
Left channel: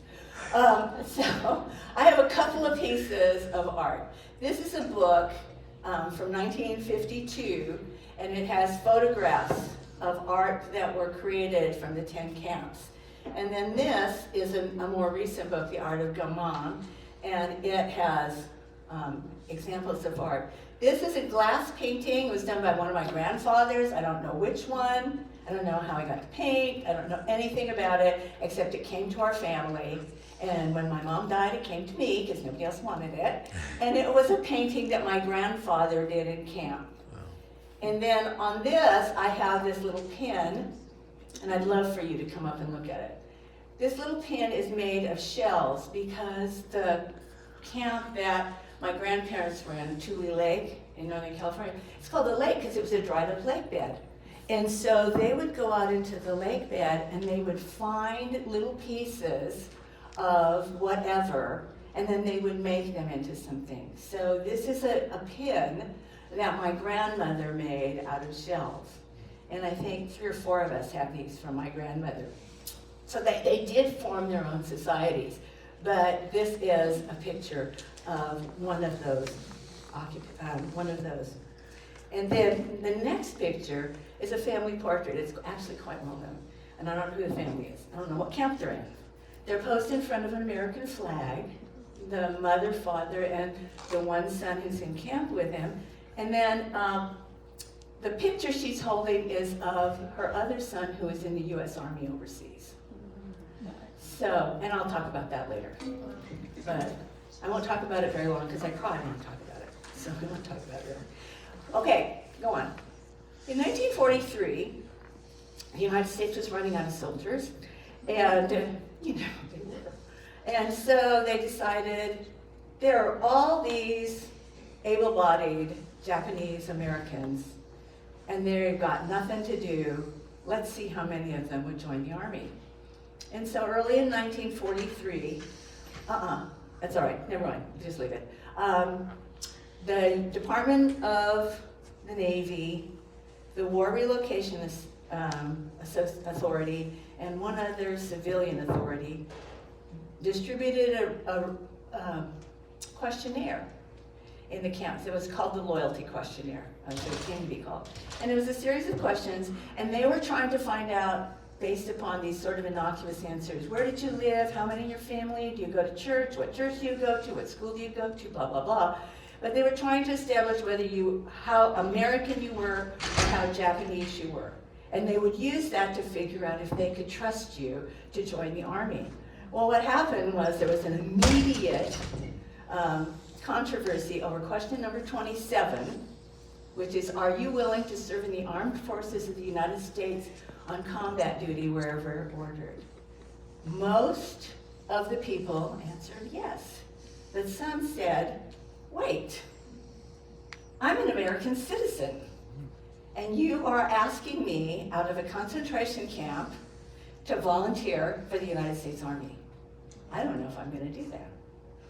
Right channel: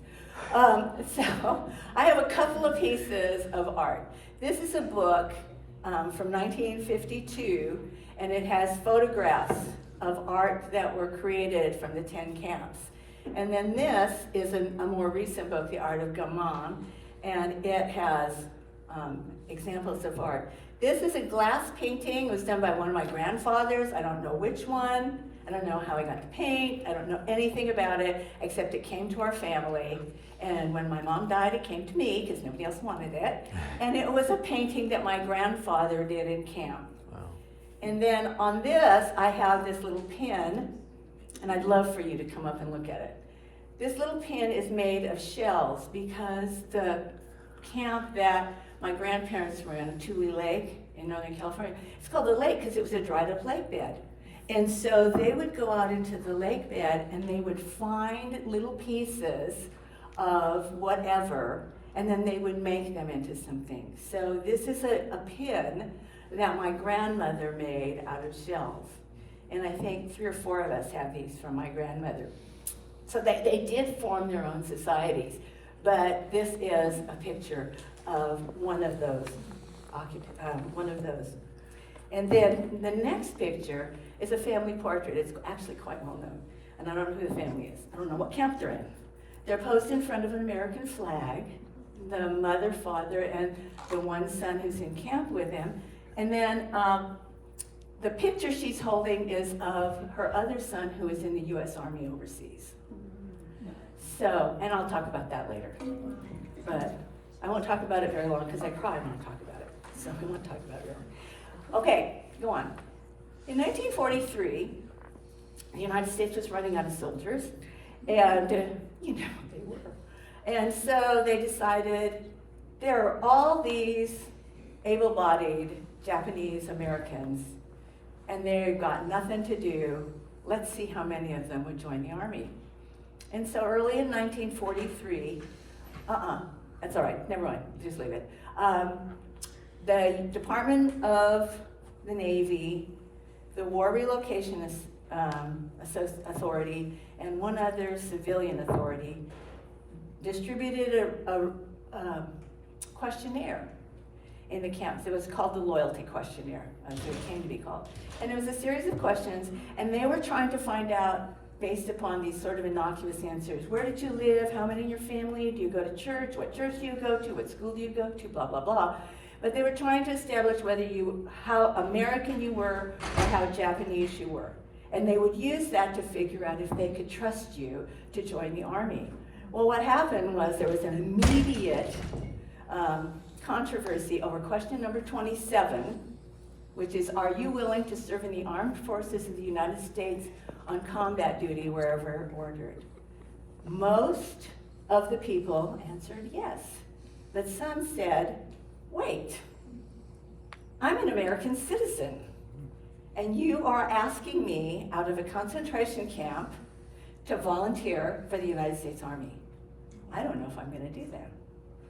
So I have a couple of pieces of art. This is a book from 1952, and it has photographs of art that were created from the 10 camps. And then this is a more recent book, The Art of Gammon, and it has examples of art. This is a glass painting. It was done by one of my grandfathers. I don't know which one. I don't know how he got to paint. I don't know anything about it, except it came to our family. And when my mom died, it came to me, because nobody else wanted it. And it was a painting that my grandfather did in camp. Wow. And then on this, I have this little pin, and I'd love for you to come up and look at it. This little pin is made of shells because the camp that my grandparents were in, Tule Lake in Northern California, it's called the lake because it was a dried up lake bed. And so they would go out into the lake bed and they would find little pieces of whatever, and then they would make them into something. So this is a pin that my grandmother made out of shells. And I think 3 or 4 of us have these from my grandmother. So they did form their own societies, but this is a picture of one of those. And then the next picture is a family portrait. It's actually quite well known, and I don't know who the family is. I don't know what camp they're in. They're posed in front of an American flag, the mother, father, and the one son who's in camp with him. And then the picture she's holding is of her other son who is in the U.S. Army overseas. So, and I'll talk about that later. But I won't talk about it very long because I cry when I talk about it. So I won't talk about it very long. Okay, go on. In 1943, the United States was running out of soldiers. And, you know, they were. And so they decided there are all these able-bodied Japanese Americans, and they've got nothing to do. Let's see how many of them would join the Army. And so early in 1943, that's all right, never mind, just leave it. The Department of the Navy, the War Relocation Authority, and one other civilian authority distributed a questionnaire in the camps. It was called the Loyalty Questionnaire, as it came to be called. And it was a series of questions, and they were trying to find out, based upon these sort of innocuous answers, where did you live, how many in your family, do you go to church, what church do you go to, what school do you go to, blah, blah, blah. But they were trying to establish how American you were or how Japanese you were. And they would use that to figure out if they could trust you to join the Army. Well, what happened was there was an immediate controversy over question number 27, which is, are you willing to serve in the armed forces of the United States on combat duty wherever ordered? Most of the people answered yes. But some said, wait, I'm an American citizen, and you are asking me out of a concentration camp to volunteer for the United States Army. I don't know if I'm going to do that,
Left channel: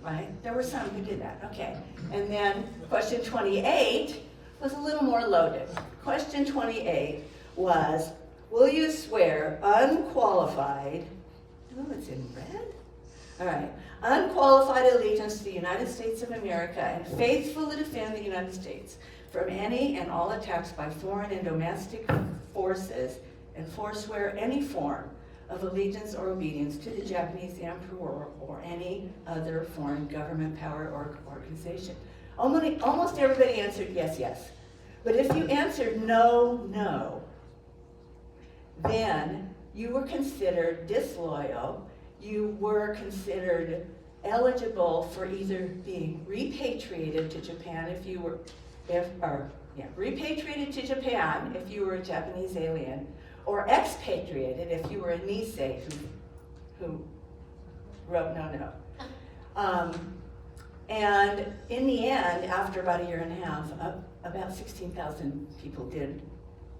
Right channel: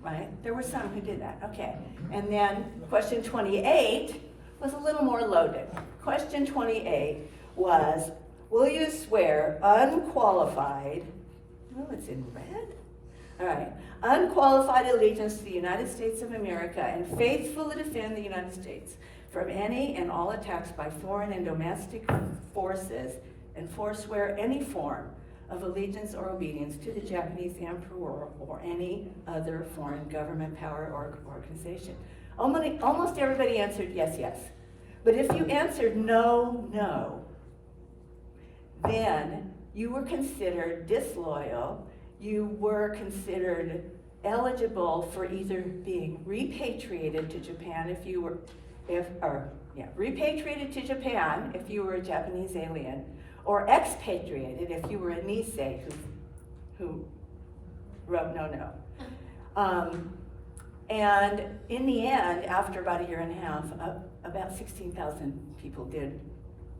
right? There were some who did that, okay. And then question 28 was a little more loaded. Question 28 was, will you swear unqualified, oh, it's in red? All right, unqualified allegiance to the United States of America and faithfully defend the United States from any and all attacks by foreign and domestic forces, and forswear any form of allegiance or obedience to the Japanese emperor or any other foreign government, power, or organization. Almost everybody answered yes, yes. But if you answered no, no, then you were considered disloyal, you were considered eligible for either being repatriated to Japan repatriated to Japan if you were a Japanese alien, or expatriated if you were a Nisei who wrote no. And in the end, after about a year and a half, about 16,000 people did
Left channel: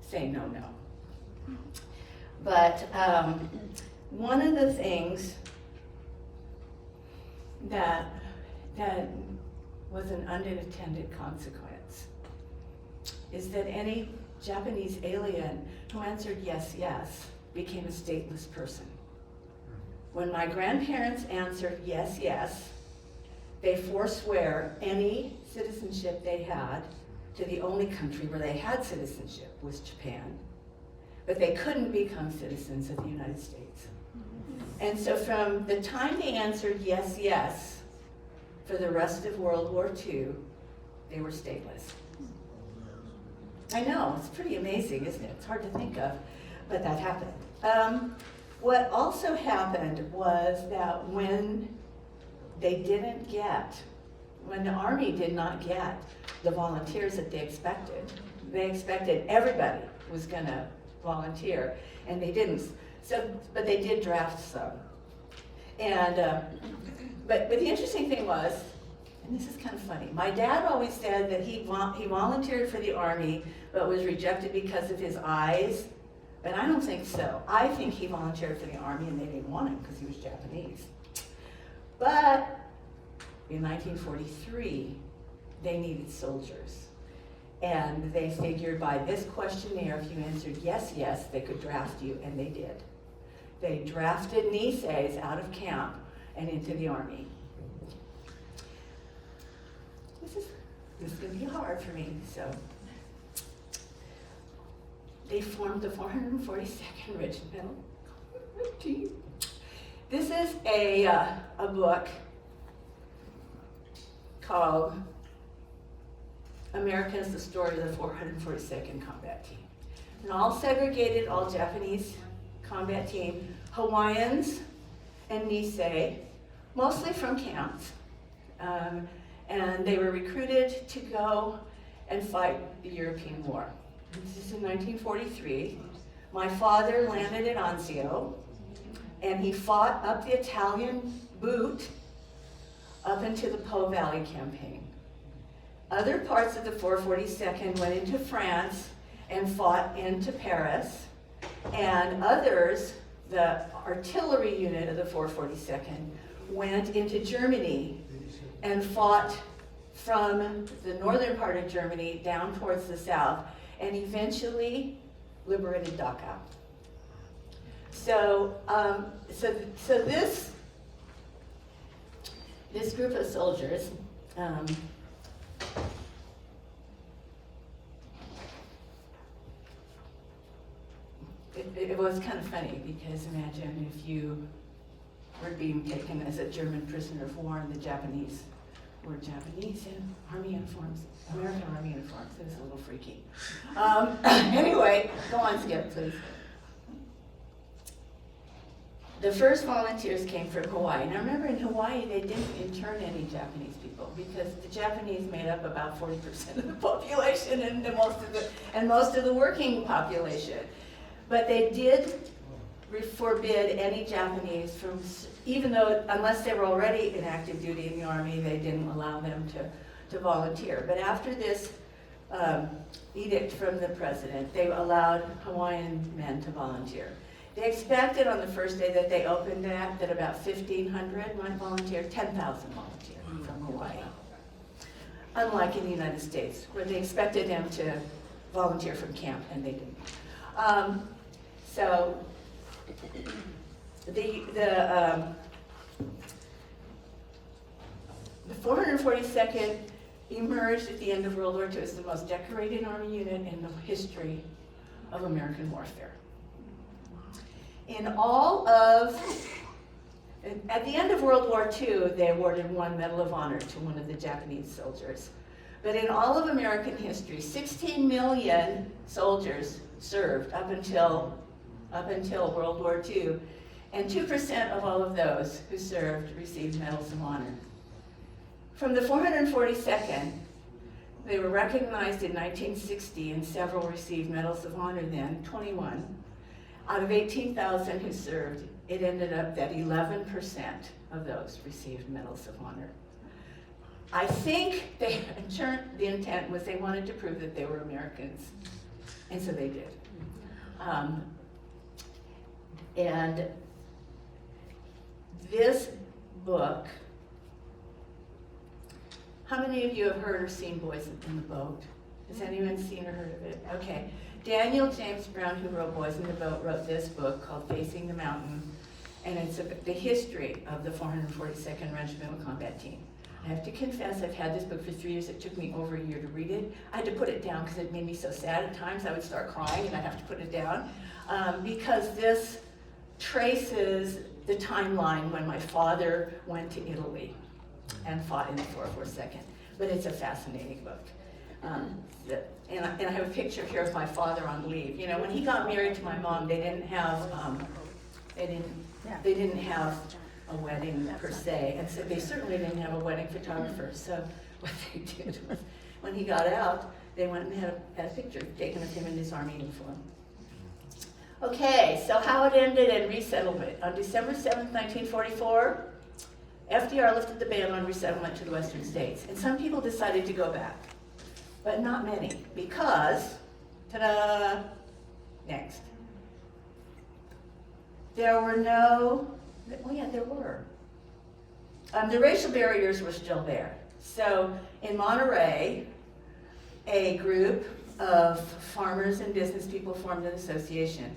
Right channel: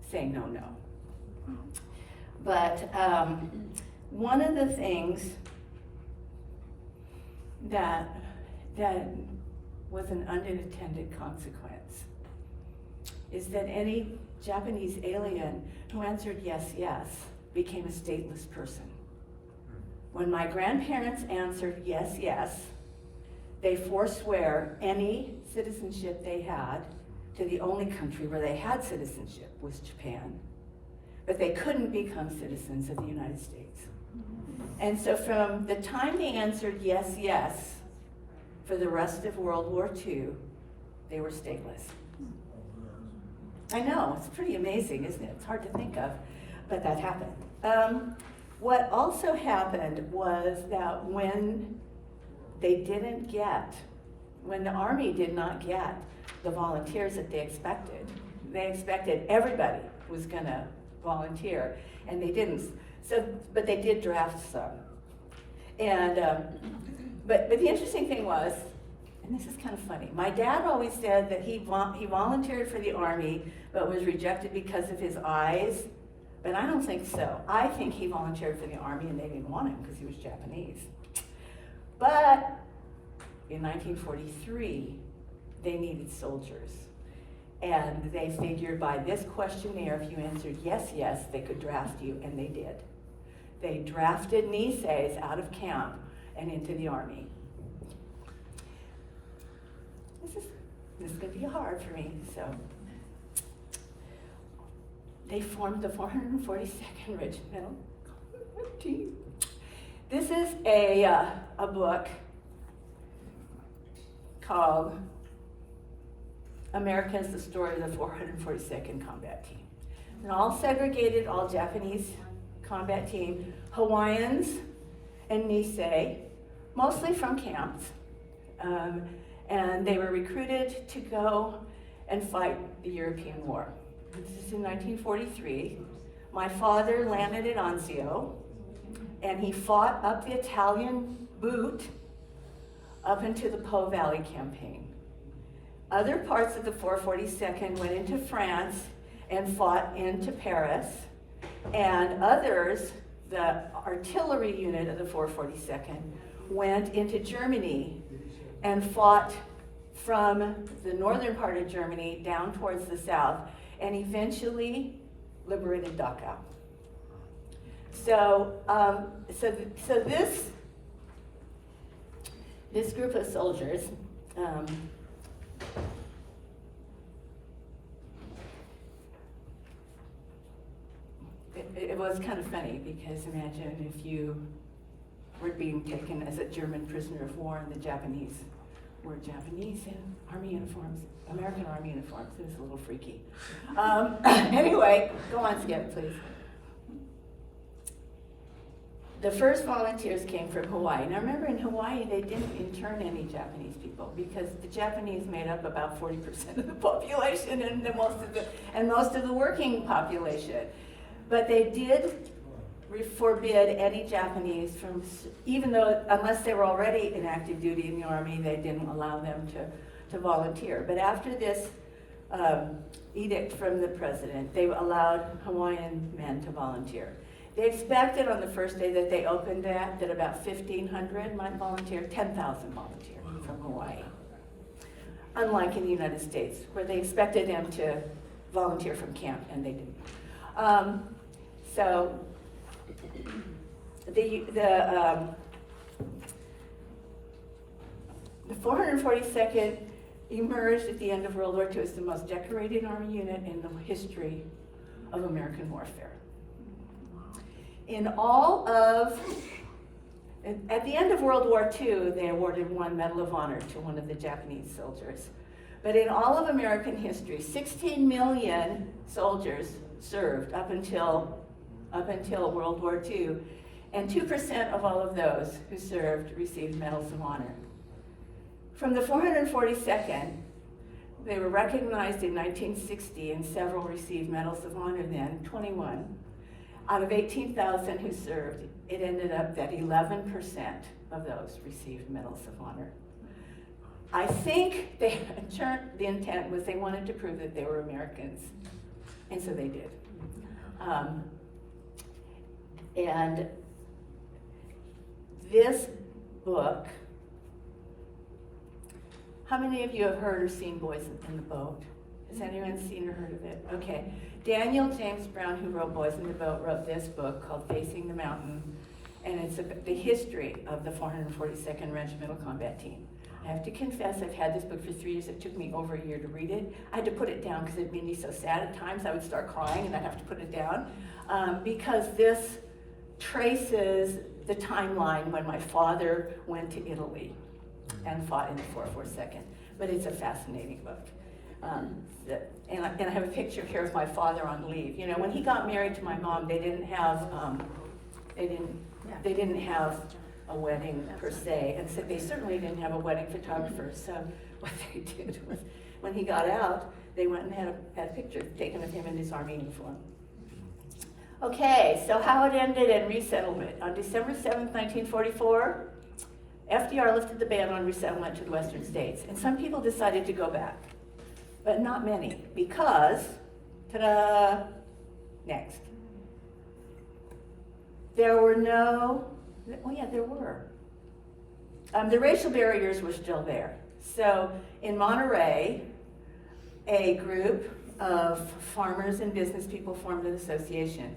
say no. But one of the things that was an unintended consequence is that any Japanese alien who answered yes became a stateless person. When my grandparents answered yes, they forswear any citizenship they had to the only country where they had citizenship was Japan, but they couldn't become citizens of the United States. And so from the time they answered yes for the rest of World War II, they were stateless. I know, it's pretty amazing, isn't it? It's hard to think of, but that happened. What also happened was that when the Army did not get the volunteers that they expected everybody was gonna volunteer, and they didn't. But they did draft some. And, but the interesting thing was, and this is kind of funny, my dad always said that he volunteered for the Army, but was rejected because of his eyes, but I don't think so. I think he volunteered for the Army and they didn't want him because he was Japanese. But in 1943, they needed soldiers. And they figured by this questionnaire, if you answered yes, they could draft you, and they did. They drafted Niseis out of camp and into the Army. This is going to be hard for me, so. They formed the 442nd Regiment. This is a book called America's the Story of the 442nd Combat Team. And all segregated, all Japanese combat team, Hawaiians and Nisei, mostly from camps. And they were recruited to go and fight the European War. This is in 1943. My father landed at Anzio, and he fought up the Italian boot up into the Po Valley campaign. Other parts of the 442nd went into France and fought into Paris, and others, the artillery unit of the 442nd, went into Germany and fought from the northern part of Germany down towards the south, and eventually liberated Dachau. So this group of soldiers, it was kind of funny, because imagine if you were being taken as a German prisoner of war and the Japanese were Japanese in army uniforms, American army uniforms. It was a little freaky. Anyway, go on, Skip, please. The first volunteers came from Hawaii. Now remember, in Hawaii, they didn't intern any Japanese people because the Japanese made up about 40% of the population and most of the working population. But they did forbid any Japanese from, even though, unless they were already in active duty in the Army, they didn't allow them to volunteer. But after this edict from the president, they allowed Hawaiian men to volunteer. They expected on the first day that they opened that about 1,500 might volunteer, 10,000 volunteered from Hawaii. Unlike in the United States, where they expected them to volunteer from camp, and they didn't. So the 442nd emerged at the end of World War II as the most decorated army unit in the history of American warfare. At the end of World War II, they awarded one Medal of Honor to one of the Japanese soldiers. But in all of American history, 16 million soldiers served up until World War II, And 2% of all of those who served received medals of honor. From the 442nd, they were recognized in 1960, and several received medals of honor then, 21. Out of 18,000 who served, it ended up that 11% of those received medals of honor. I think the intent was they wanted to prove that they were Americans, and so they did. And this book, how many of you have heard or seen Boys in the Boat? Has anyone seen or heard of it? Okay. Daniel James Brown, who wrote Boys in the Boat, wrote this book called Facing the Mountain, and it's the history of the 442nd Regimental Combat Team. I have to confess, I've had this book for 3 years. It took me over a year to read it. I had to put it down because it made me so sad at times. I would start crying and I'd have to put it down because this traces the timeline when my father went to Italy and fought in the 442nd. But it's a fascinating book. And I have a picture here of my father on leave. You know, when he got married to my mom, they didn't have a wedding per se, and so they certainly didn't have a wedding photographer. So what they did was, when he got out, they went and had a picture taken of him in his army uniform. Okay, so how it ended in resettlement. On December 7th, 1944, FDR lifted the ban on resettlement to the western states, and some people decided to go back, but not many, because, ta-da, next. There were no, well, yeah, there were. The racial barriers were still there. So in Monterey, a group of farmers and business people formed an association.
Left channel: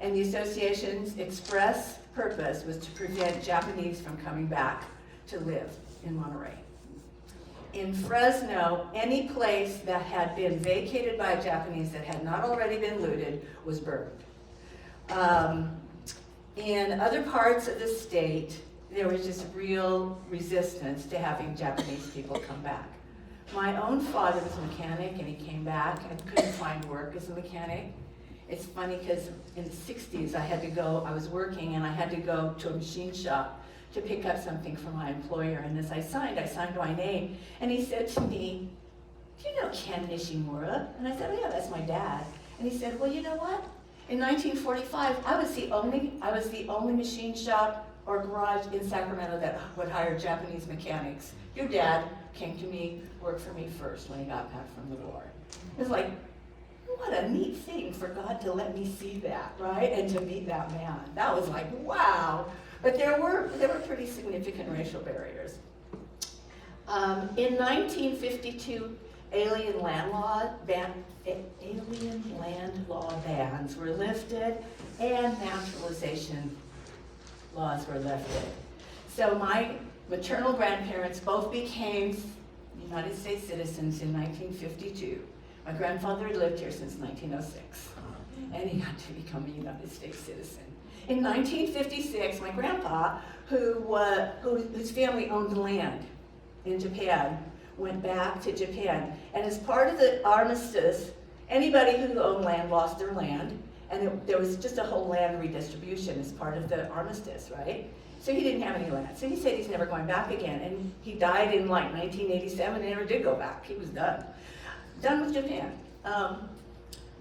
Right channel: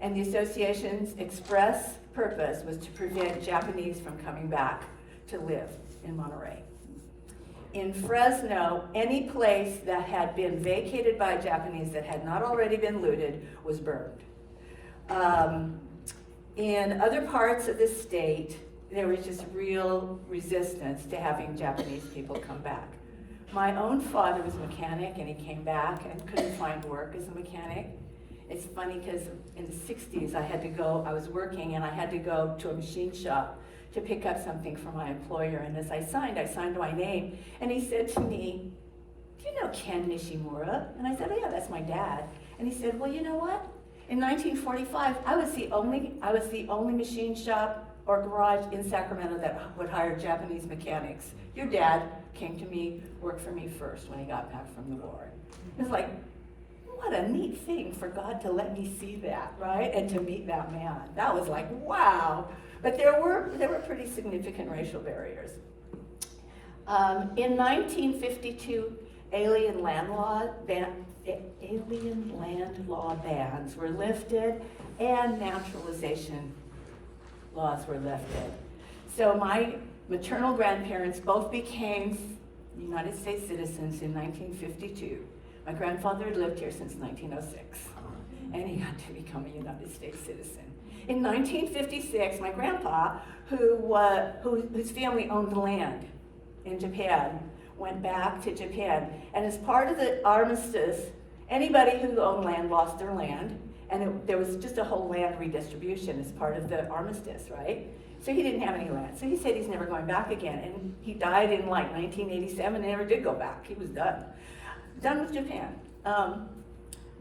And the association's express purpose was to prevent Japanese from coming back to live in Monterey. In Fresno, any place that had been vacated by Japanese that had not already been looted was burned. In other parts of the state, there was just real resistance to having Japanese people come back. My own father was a mechanic, and he came back and couldn't find work as a mechanic. It's funny because in the 60s I was working and I had to go to a machine shop to pick up something for my employer, and as I signed my name, and he said to me, "Do you know Ken Nishimura?" And I said, "Oh yeah, that's my dad." And he said, "Well, you know what? In 1945, I was the only machine shop or garage in Sacramento that would hire Japanese mechanics. Your dad came to me, worked for me first when I got back from the war." It was like, what a neat thing for God to let me see that, right? And to meet that man. That was like, wow. But there were pretty significant racial barriers. In 1952, alien land law bans were lifted and naturalization laws were lifted. So my maternal grandparents both became United States citizens in 1952. My grandfather had lived here since 1906, and he got to become a United States citizen. In 1956, my grandpa, whose family owned land in Japan, went back to Japan. And as part of the armistice, anybody who owned land lost their land, and there was just a whole land redistribution as part of the armistice, right? So he didn't have any land. So he said he's never going back again. And he died in like 1987 and never did go back. He was done. Done with Japan.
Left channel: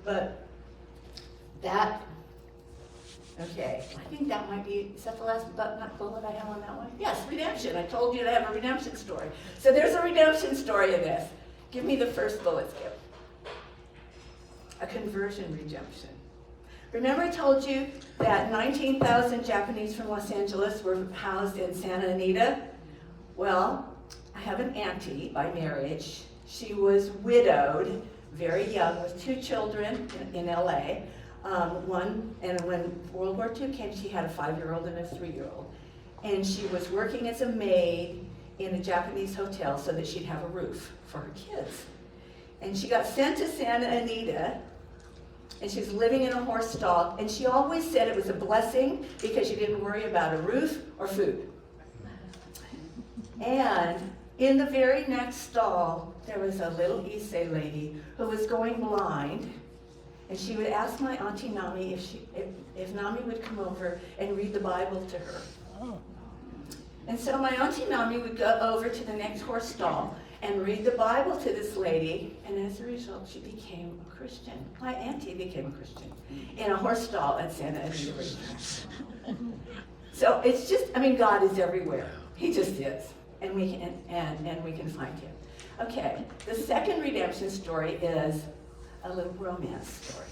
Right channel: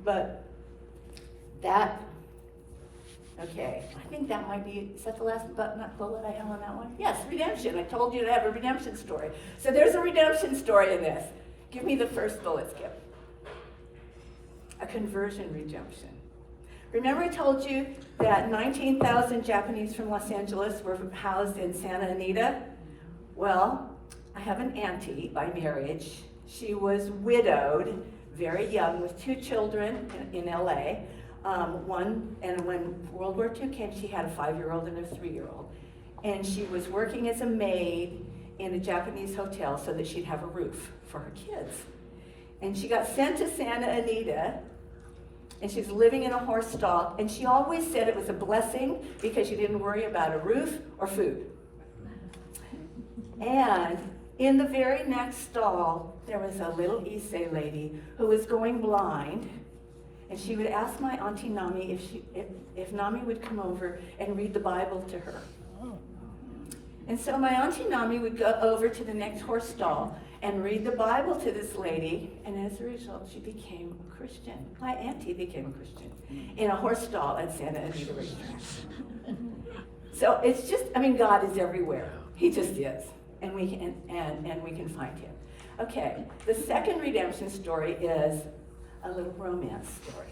But that, okay, I think that might be, is that the last bullet I have on that one? Yes, redemption. I told you to have a redemption story. So there's a redemption story in this. Give me the first bullet, Skip. A conversion redemption. Remember I told you that 19,000 Japanese from Los Angeles were housed in Santa Anita? Well, I have an auntie by marriage. She was widowed, very young, with 2 children in LA. And when World War II came, she had a 5-year-old and a 3-year-old. And she was working as a maid in a Japanese hotel so that she'd have a roof for her kids. And she got sent to Santa Anita, and she was living in a horse stall, and she always said it was a blessing because she didn't worry about a roof or food. And in the very next stall, there was a little Issei lady who was going blind, And she would ask my Auntie Nami if Nami would come over and read the Bible to her. And so my Auntie Nami would go over to the next horse stall and read the Bible to this lady, and as a result, she became a Christian. My auntie became a Christian in a horse stall at Santa Anita Racetrack. So it's just, I mean, God is everywhere. He just is, and we can find him. Okay, the second redemption story is a little romance story.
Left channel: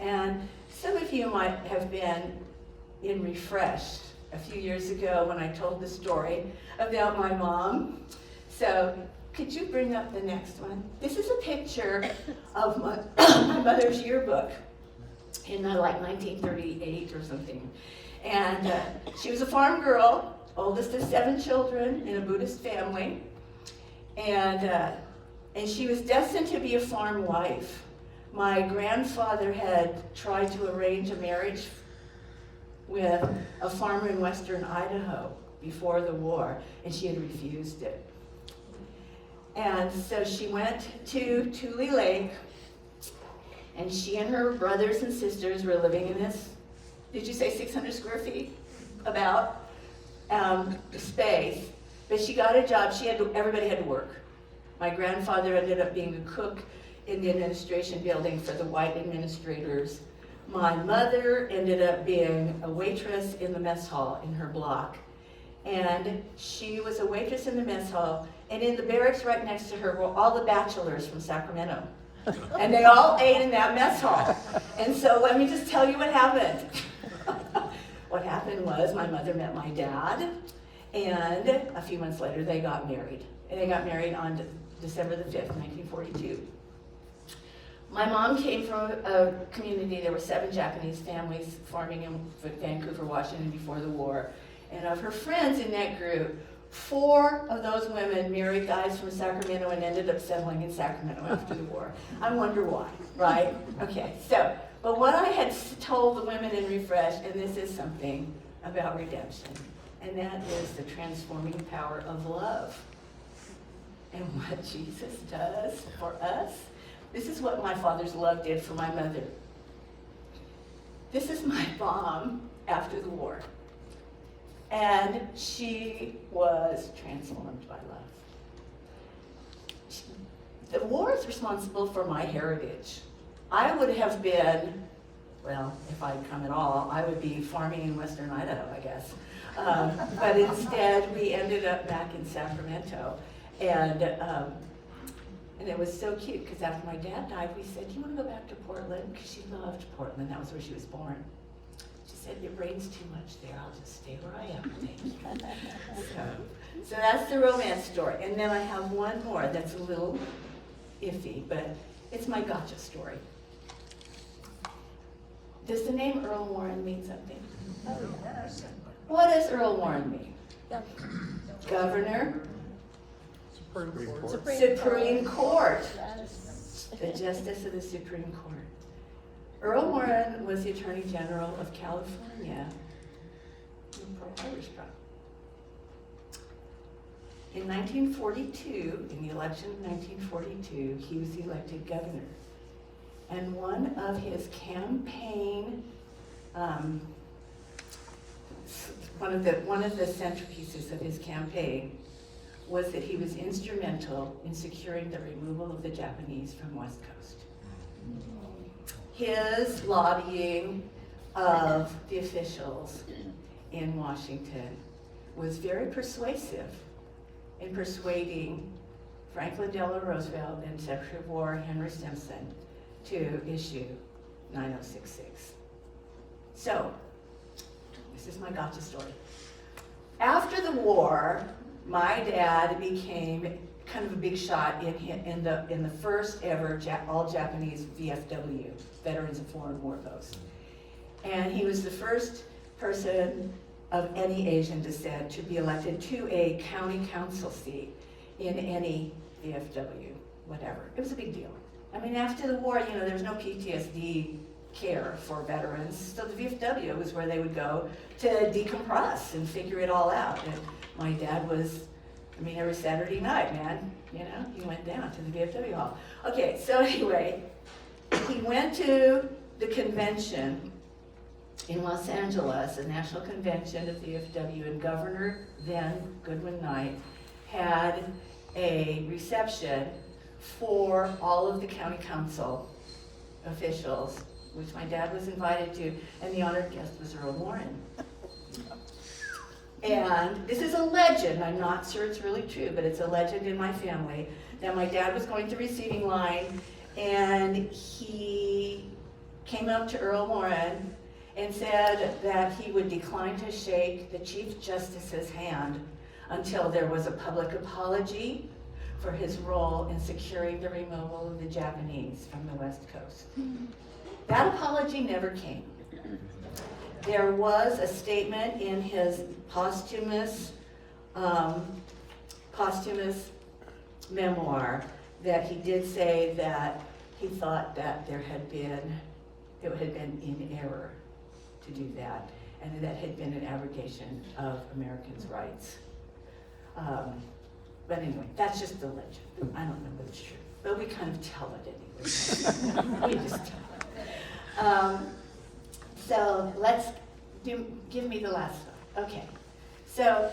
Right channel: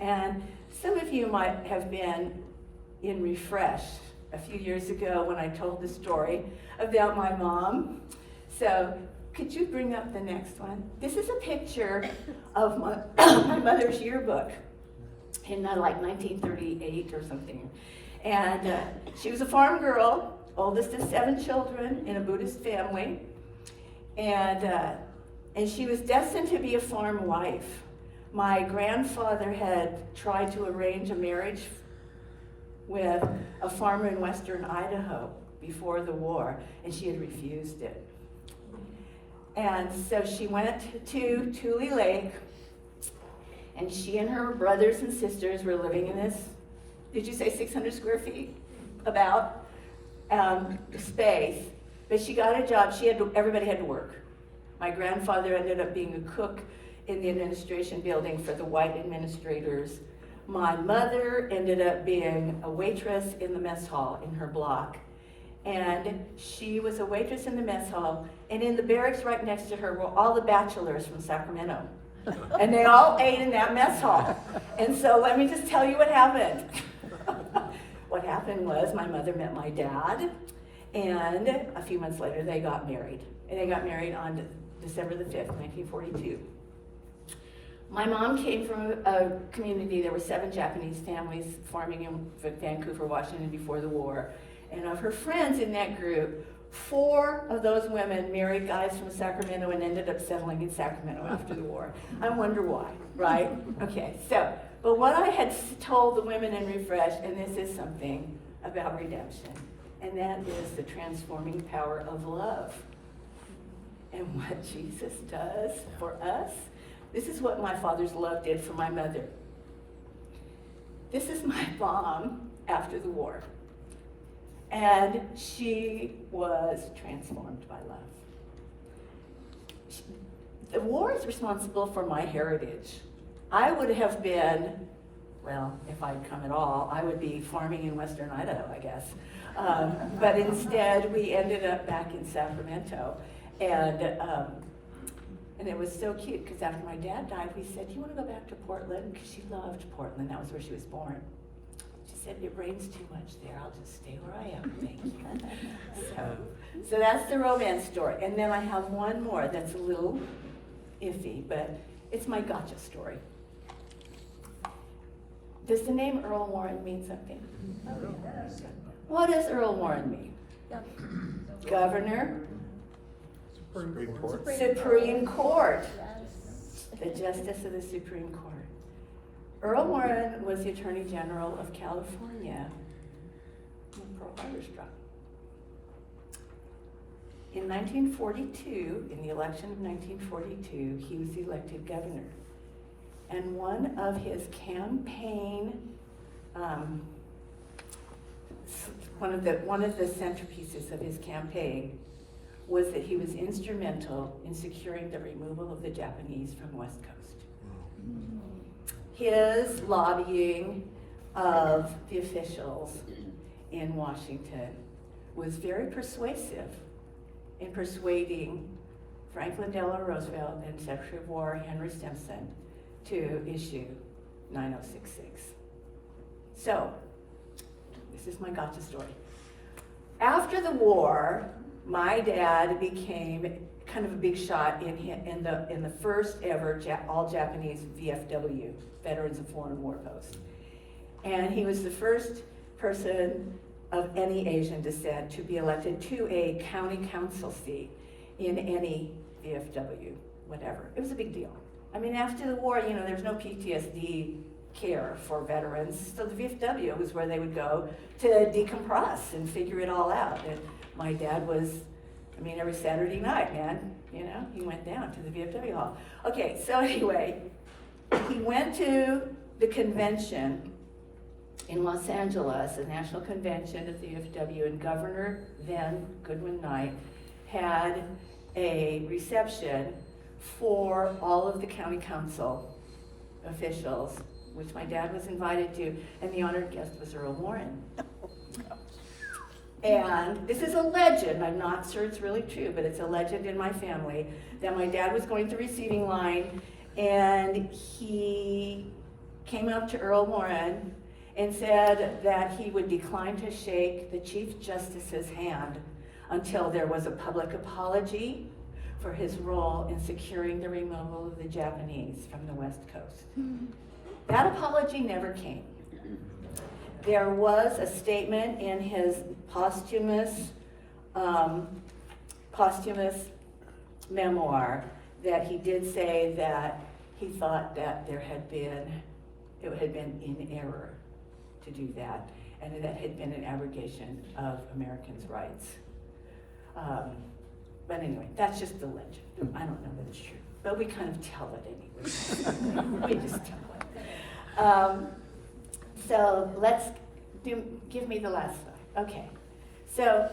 And some of you might have been in Refresh a few years ago when I told the story about my mom. So could you bring up the next one? This is a picture of my mother's yearbook in like 1938 or something. And she was a farm girl, oldest of 7 children in a Buddhist family. And she was destined to be a farm wife. My grandfather had tried to arrange a marriage with a farmer in western Idaho before the war, and she had refused it. And so she went to Tule Lake, and she and her brothers and sisters were living in this, did you say 600 square feet? About space. But she got a job, everybody had to work. My grandfather ended up being the cook in the administration building for the white administrators. My mother ended up being a waitress in the mess hall in her block. And she was a waitress in the mess hall, and in the barracks right next to her were all the bachelors from Sacramento. And they all ate in that mess hall. And so let me just tell you what happened. What happened was my mother met my dad, and a few months later they got married. And they got married on December the 5th, 1942. My mom came from a community, there were 7 Japanese families farming in Vancouver, Washington before the war. And of her friends in that group, 4 of those women married guys from Sacramento and ended up settling in Sacramento after the war. I wonder why, right? Okay, so, but what I had told the women in Refresh, and this is something about redemption, and that is the transforming power of love. And what Jesus does for us. This is what my father's love did for my mother. This is my mom after the war. And she was transformed by love. The war is responsible for my heritage. I would have been, well, if I'd come at all, I would be farming in western Idaho, I guess. But instead, we ended up back in Sacramento. And it was so cute, because after my dad died, we said, do you want to go back to Portland? Because she loved Portland. That was where she was born. She said, it rains too much there. I'll just stay where I am. Thank you. So that's the romance story. And then I have one more that's a little iffy, but it's my gotcha story. Does the name Earl Warren mean something? What does Earl Warren mean? Governor? Supreme Court. The Justice of the Supreme Court. Earl Warren was the Attorney General of California when Pearl Harbor struck. In 1942, in the election of 1942, he was elected governor. And one of his campaign, one of the centerpieces of his campaign was that he was instrumental in securing the removal of the Japanese from West Coast. His lobbying of the officials in Washington was very persuasive in persuading Franklin Delano Roosevelt and Secretary of War Henry Stimson to issue 9066. So, this is my gotcha story. After the war, my dad became kind of a big shot in the first ever all Japanese VFW, Veterans of Foreign War Posts. And he was the first person of any Asian descent to be elected to a county council seat in any VFW, whatever. It was a big deal. I mean, after the war, there was no PTSD care for veterans, so the VFW was where they would go to decompress and figure it all out. And my dad was, every Saturday night, man, he went down to the VFW hall. Okay, so anyway, he went to the convention in Los Angeles, the National Convention of the UFW, and Governor then Goodwin Knight had a reception for all of the county council officials, which my dad was invited to, and the honored guest was Earl Warren. And this is a legend, I'm not sure it's really true, but it's a legend in my family, that my dad was going to receiving line, and he came up to Earl Warren and said that he would decline to shake the Chief Justice's hand until there was a public apology for his role in securing the removal of the Japanese from the West Coast. That apology never came. There was a statement in his posthumous memoir that he did say that he thought that it had been in error to do that, and that had been an abrogation of Americans' rights. But anyway, that's just the legend. I don't know that it's true, but we kind of tell it anyway. We just tell it. So give me the last slide. Okay. So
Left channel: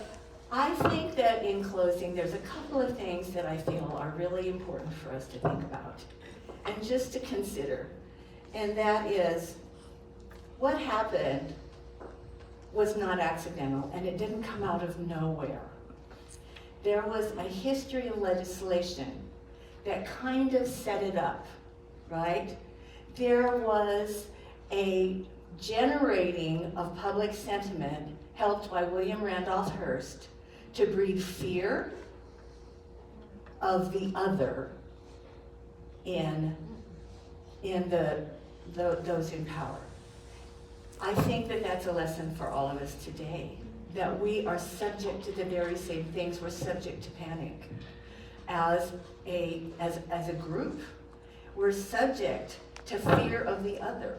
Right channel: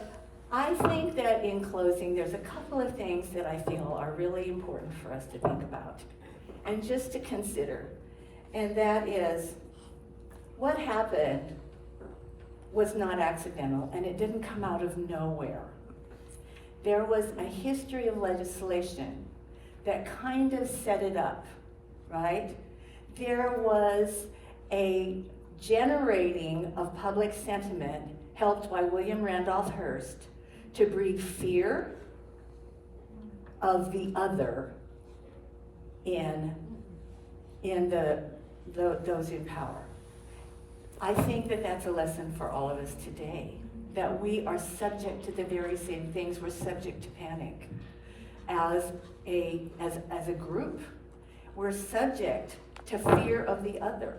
I think that in closing, there's a couple of things that I feel are really important for us to think about and just to consider. And that is, what happened was not accidental, and it didn't come out of nowhere. There was a history of legislation that kind of set it up, right? There was a generating of public sentiment helped by William Randolph Hearst to breed fear of the other in those in power. I think that that's a lesson for all of us today, that we are subject to the very same things. We're subject to panic. As a group, we're subject to fear of the other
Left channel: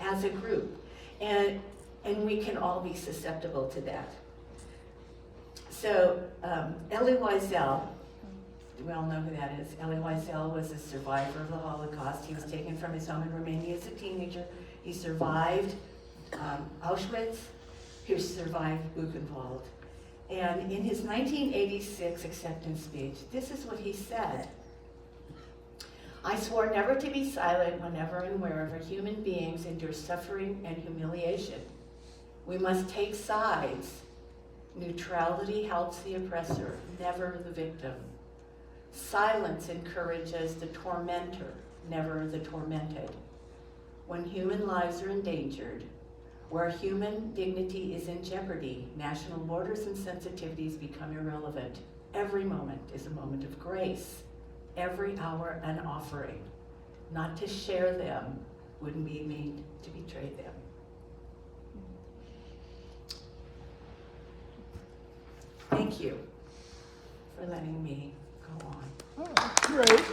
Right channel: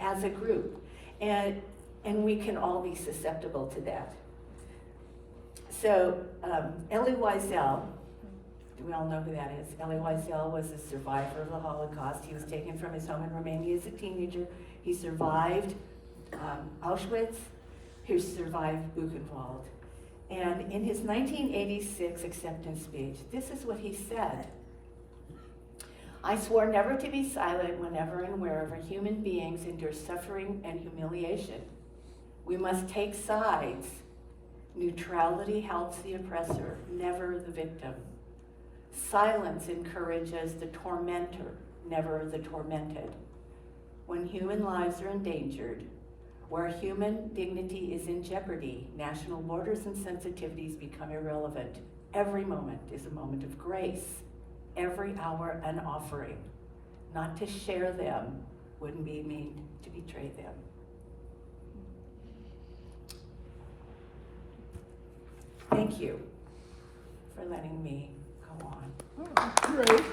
as a group. And we can all be susceptible to that. So Elie Wiesel, we all know who that is. Elie Wiesel was a survivor of the Holocaust. He was taken from his home in Romania as a teenager. He survived Auschwitz. He survived Buchenwald. And in his 1986 acceptance speech, this is what he said. I swore never to be silent whenever and wherever human beings endure suffering and humiliation. We must take sides. Neutrality helps the oppressor, never the victim. Silence encourages the tormentor, never the tormented. When human lives are endangered, where human dignity is in jeopardy, national borders and sensitivities become irrelevant. Every moment is a moment of grace. Every hour an offering. Not to share them would be mean to betray them. Thank you for letting me go on. Great.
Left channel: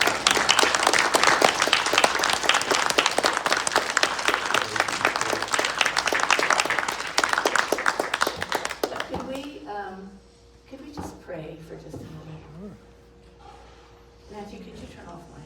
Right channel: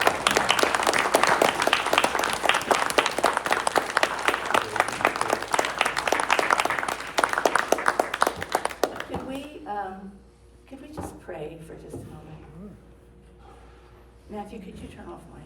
Could we just pray for just a moment? Matthew, could you turn off my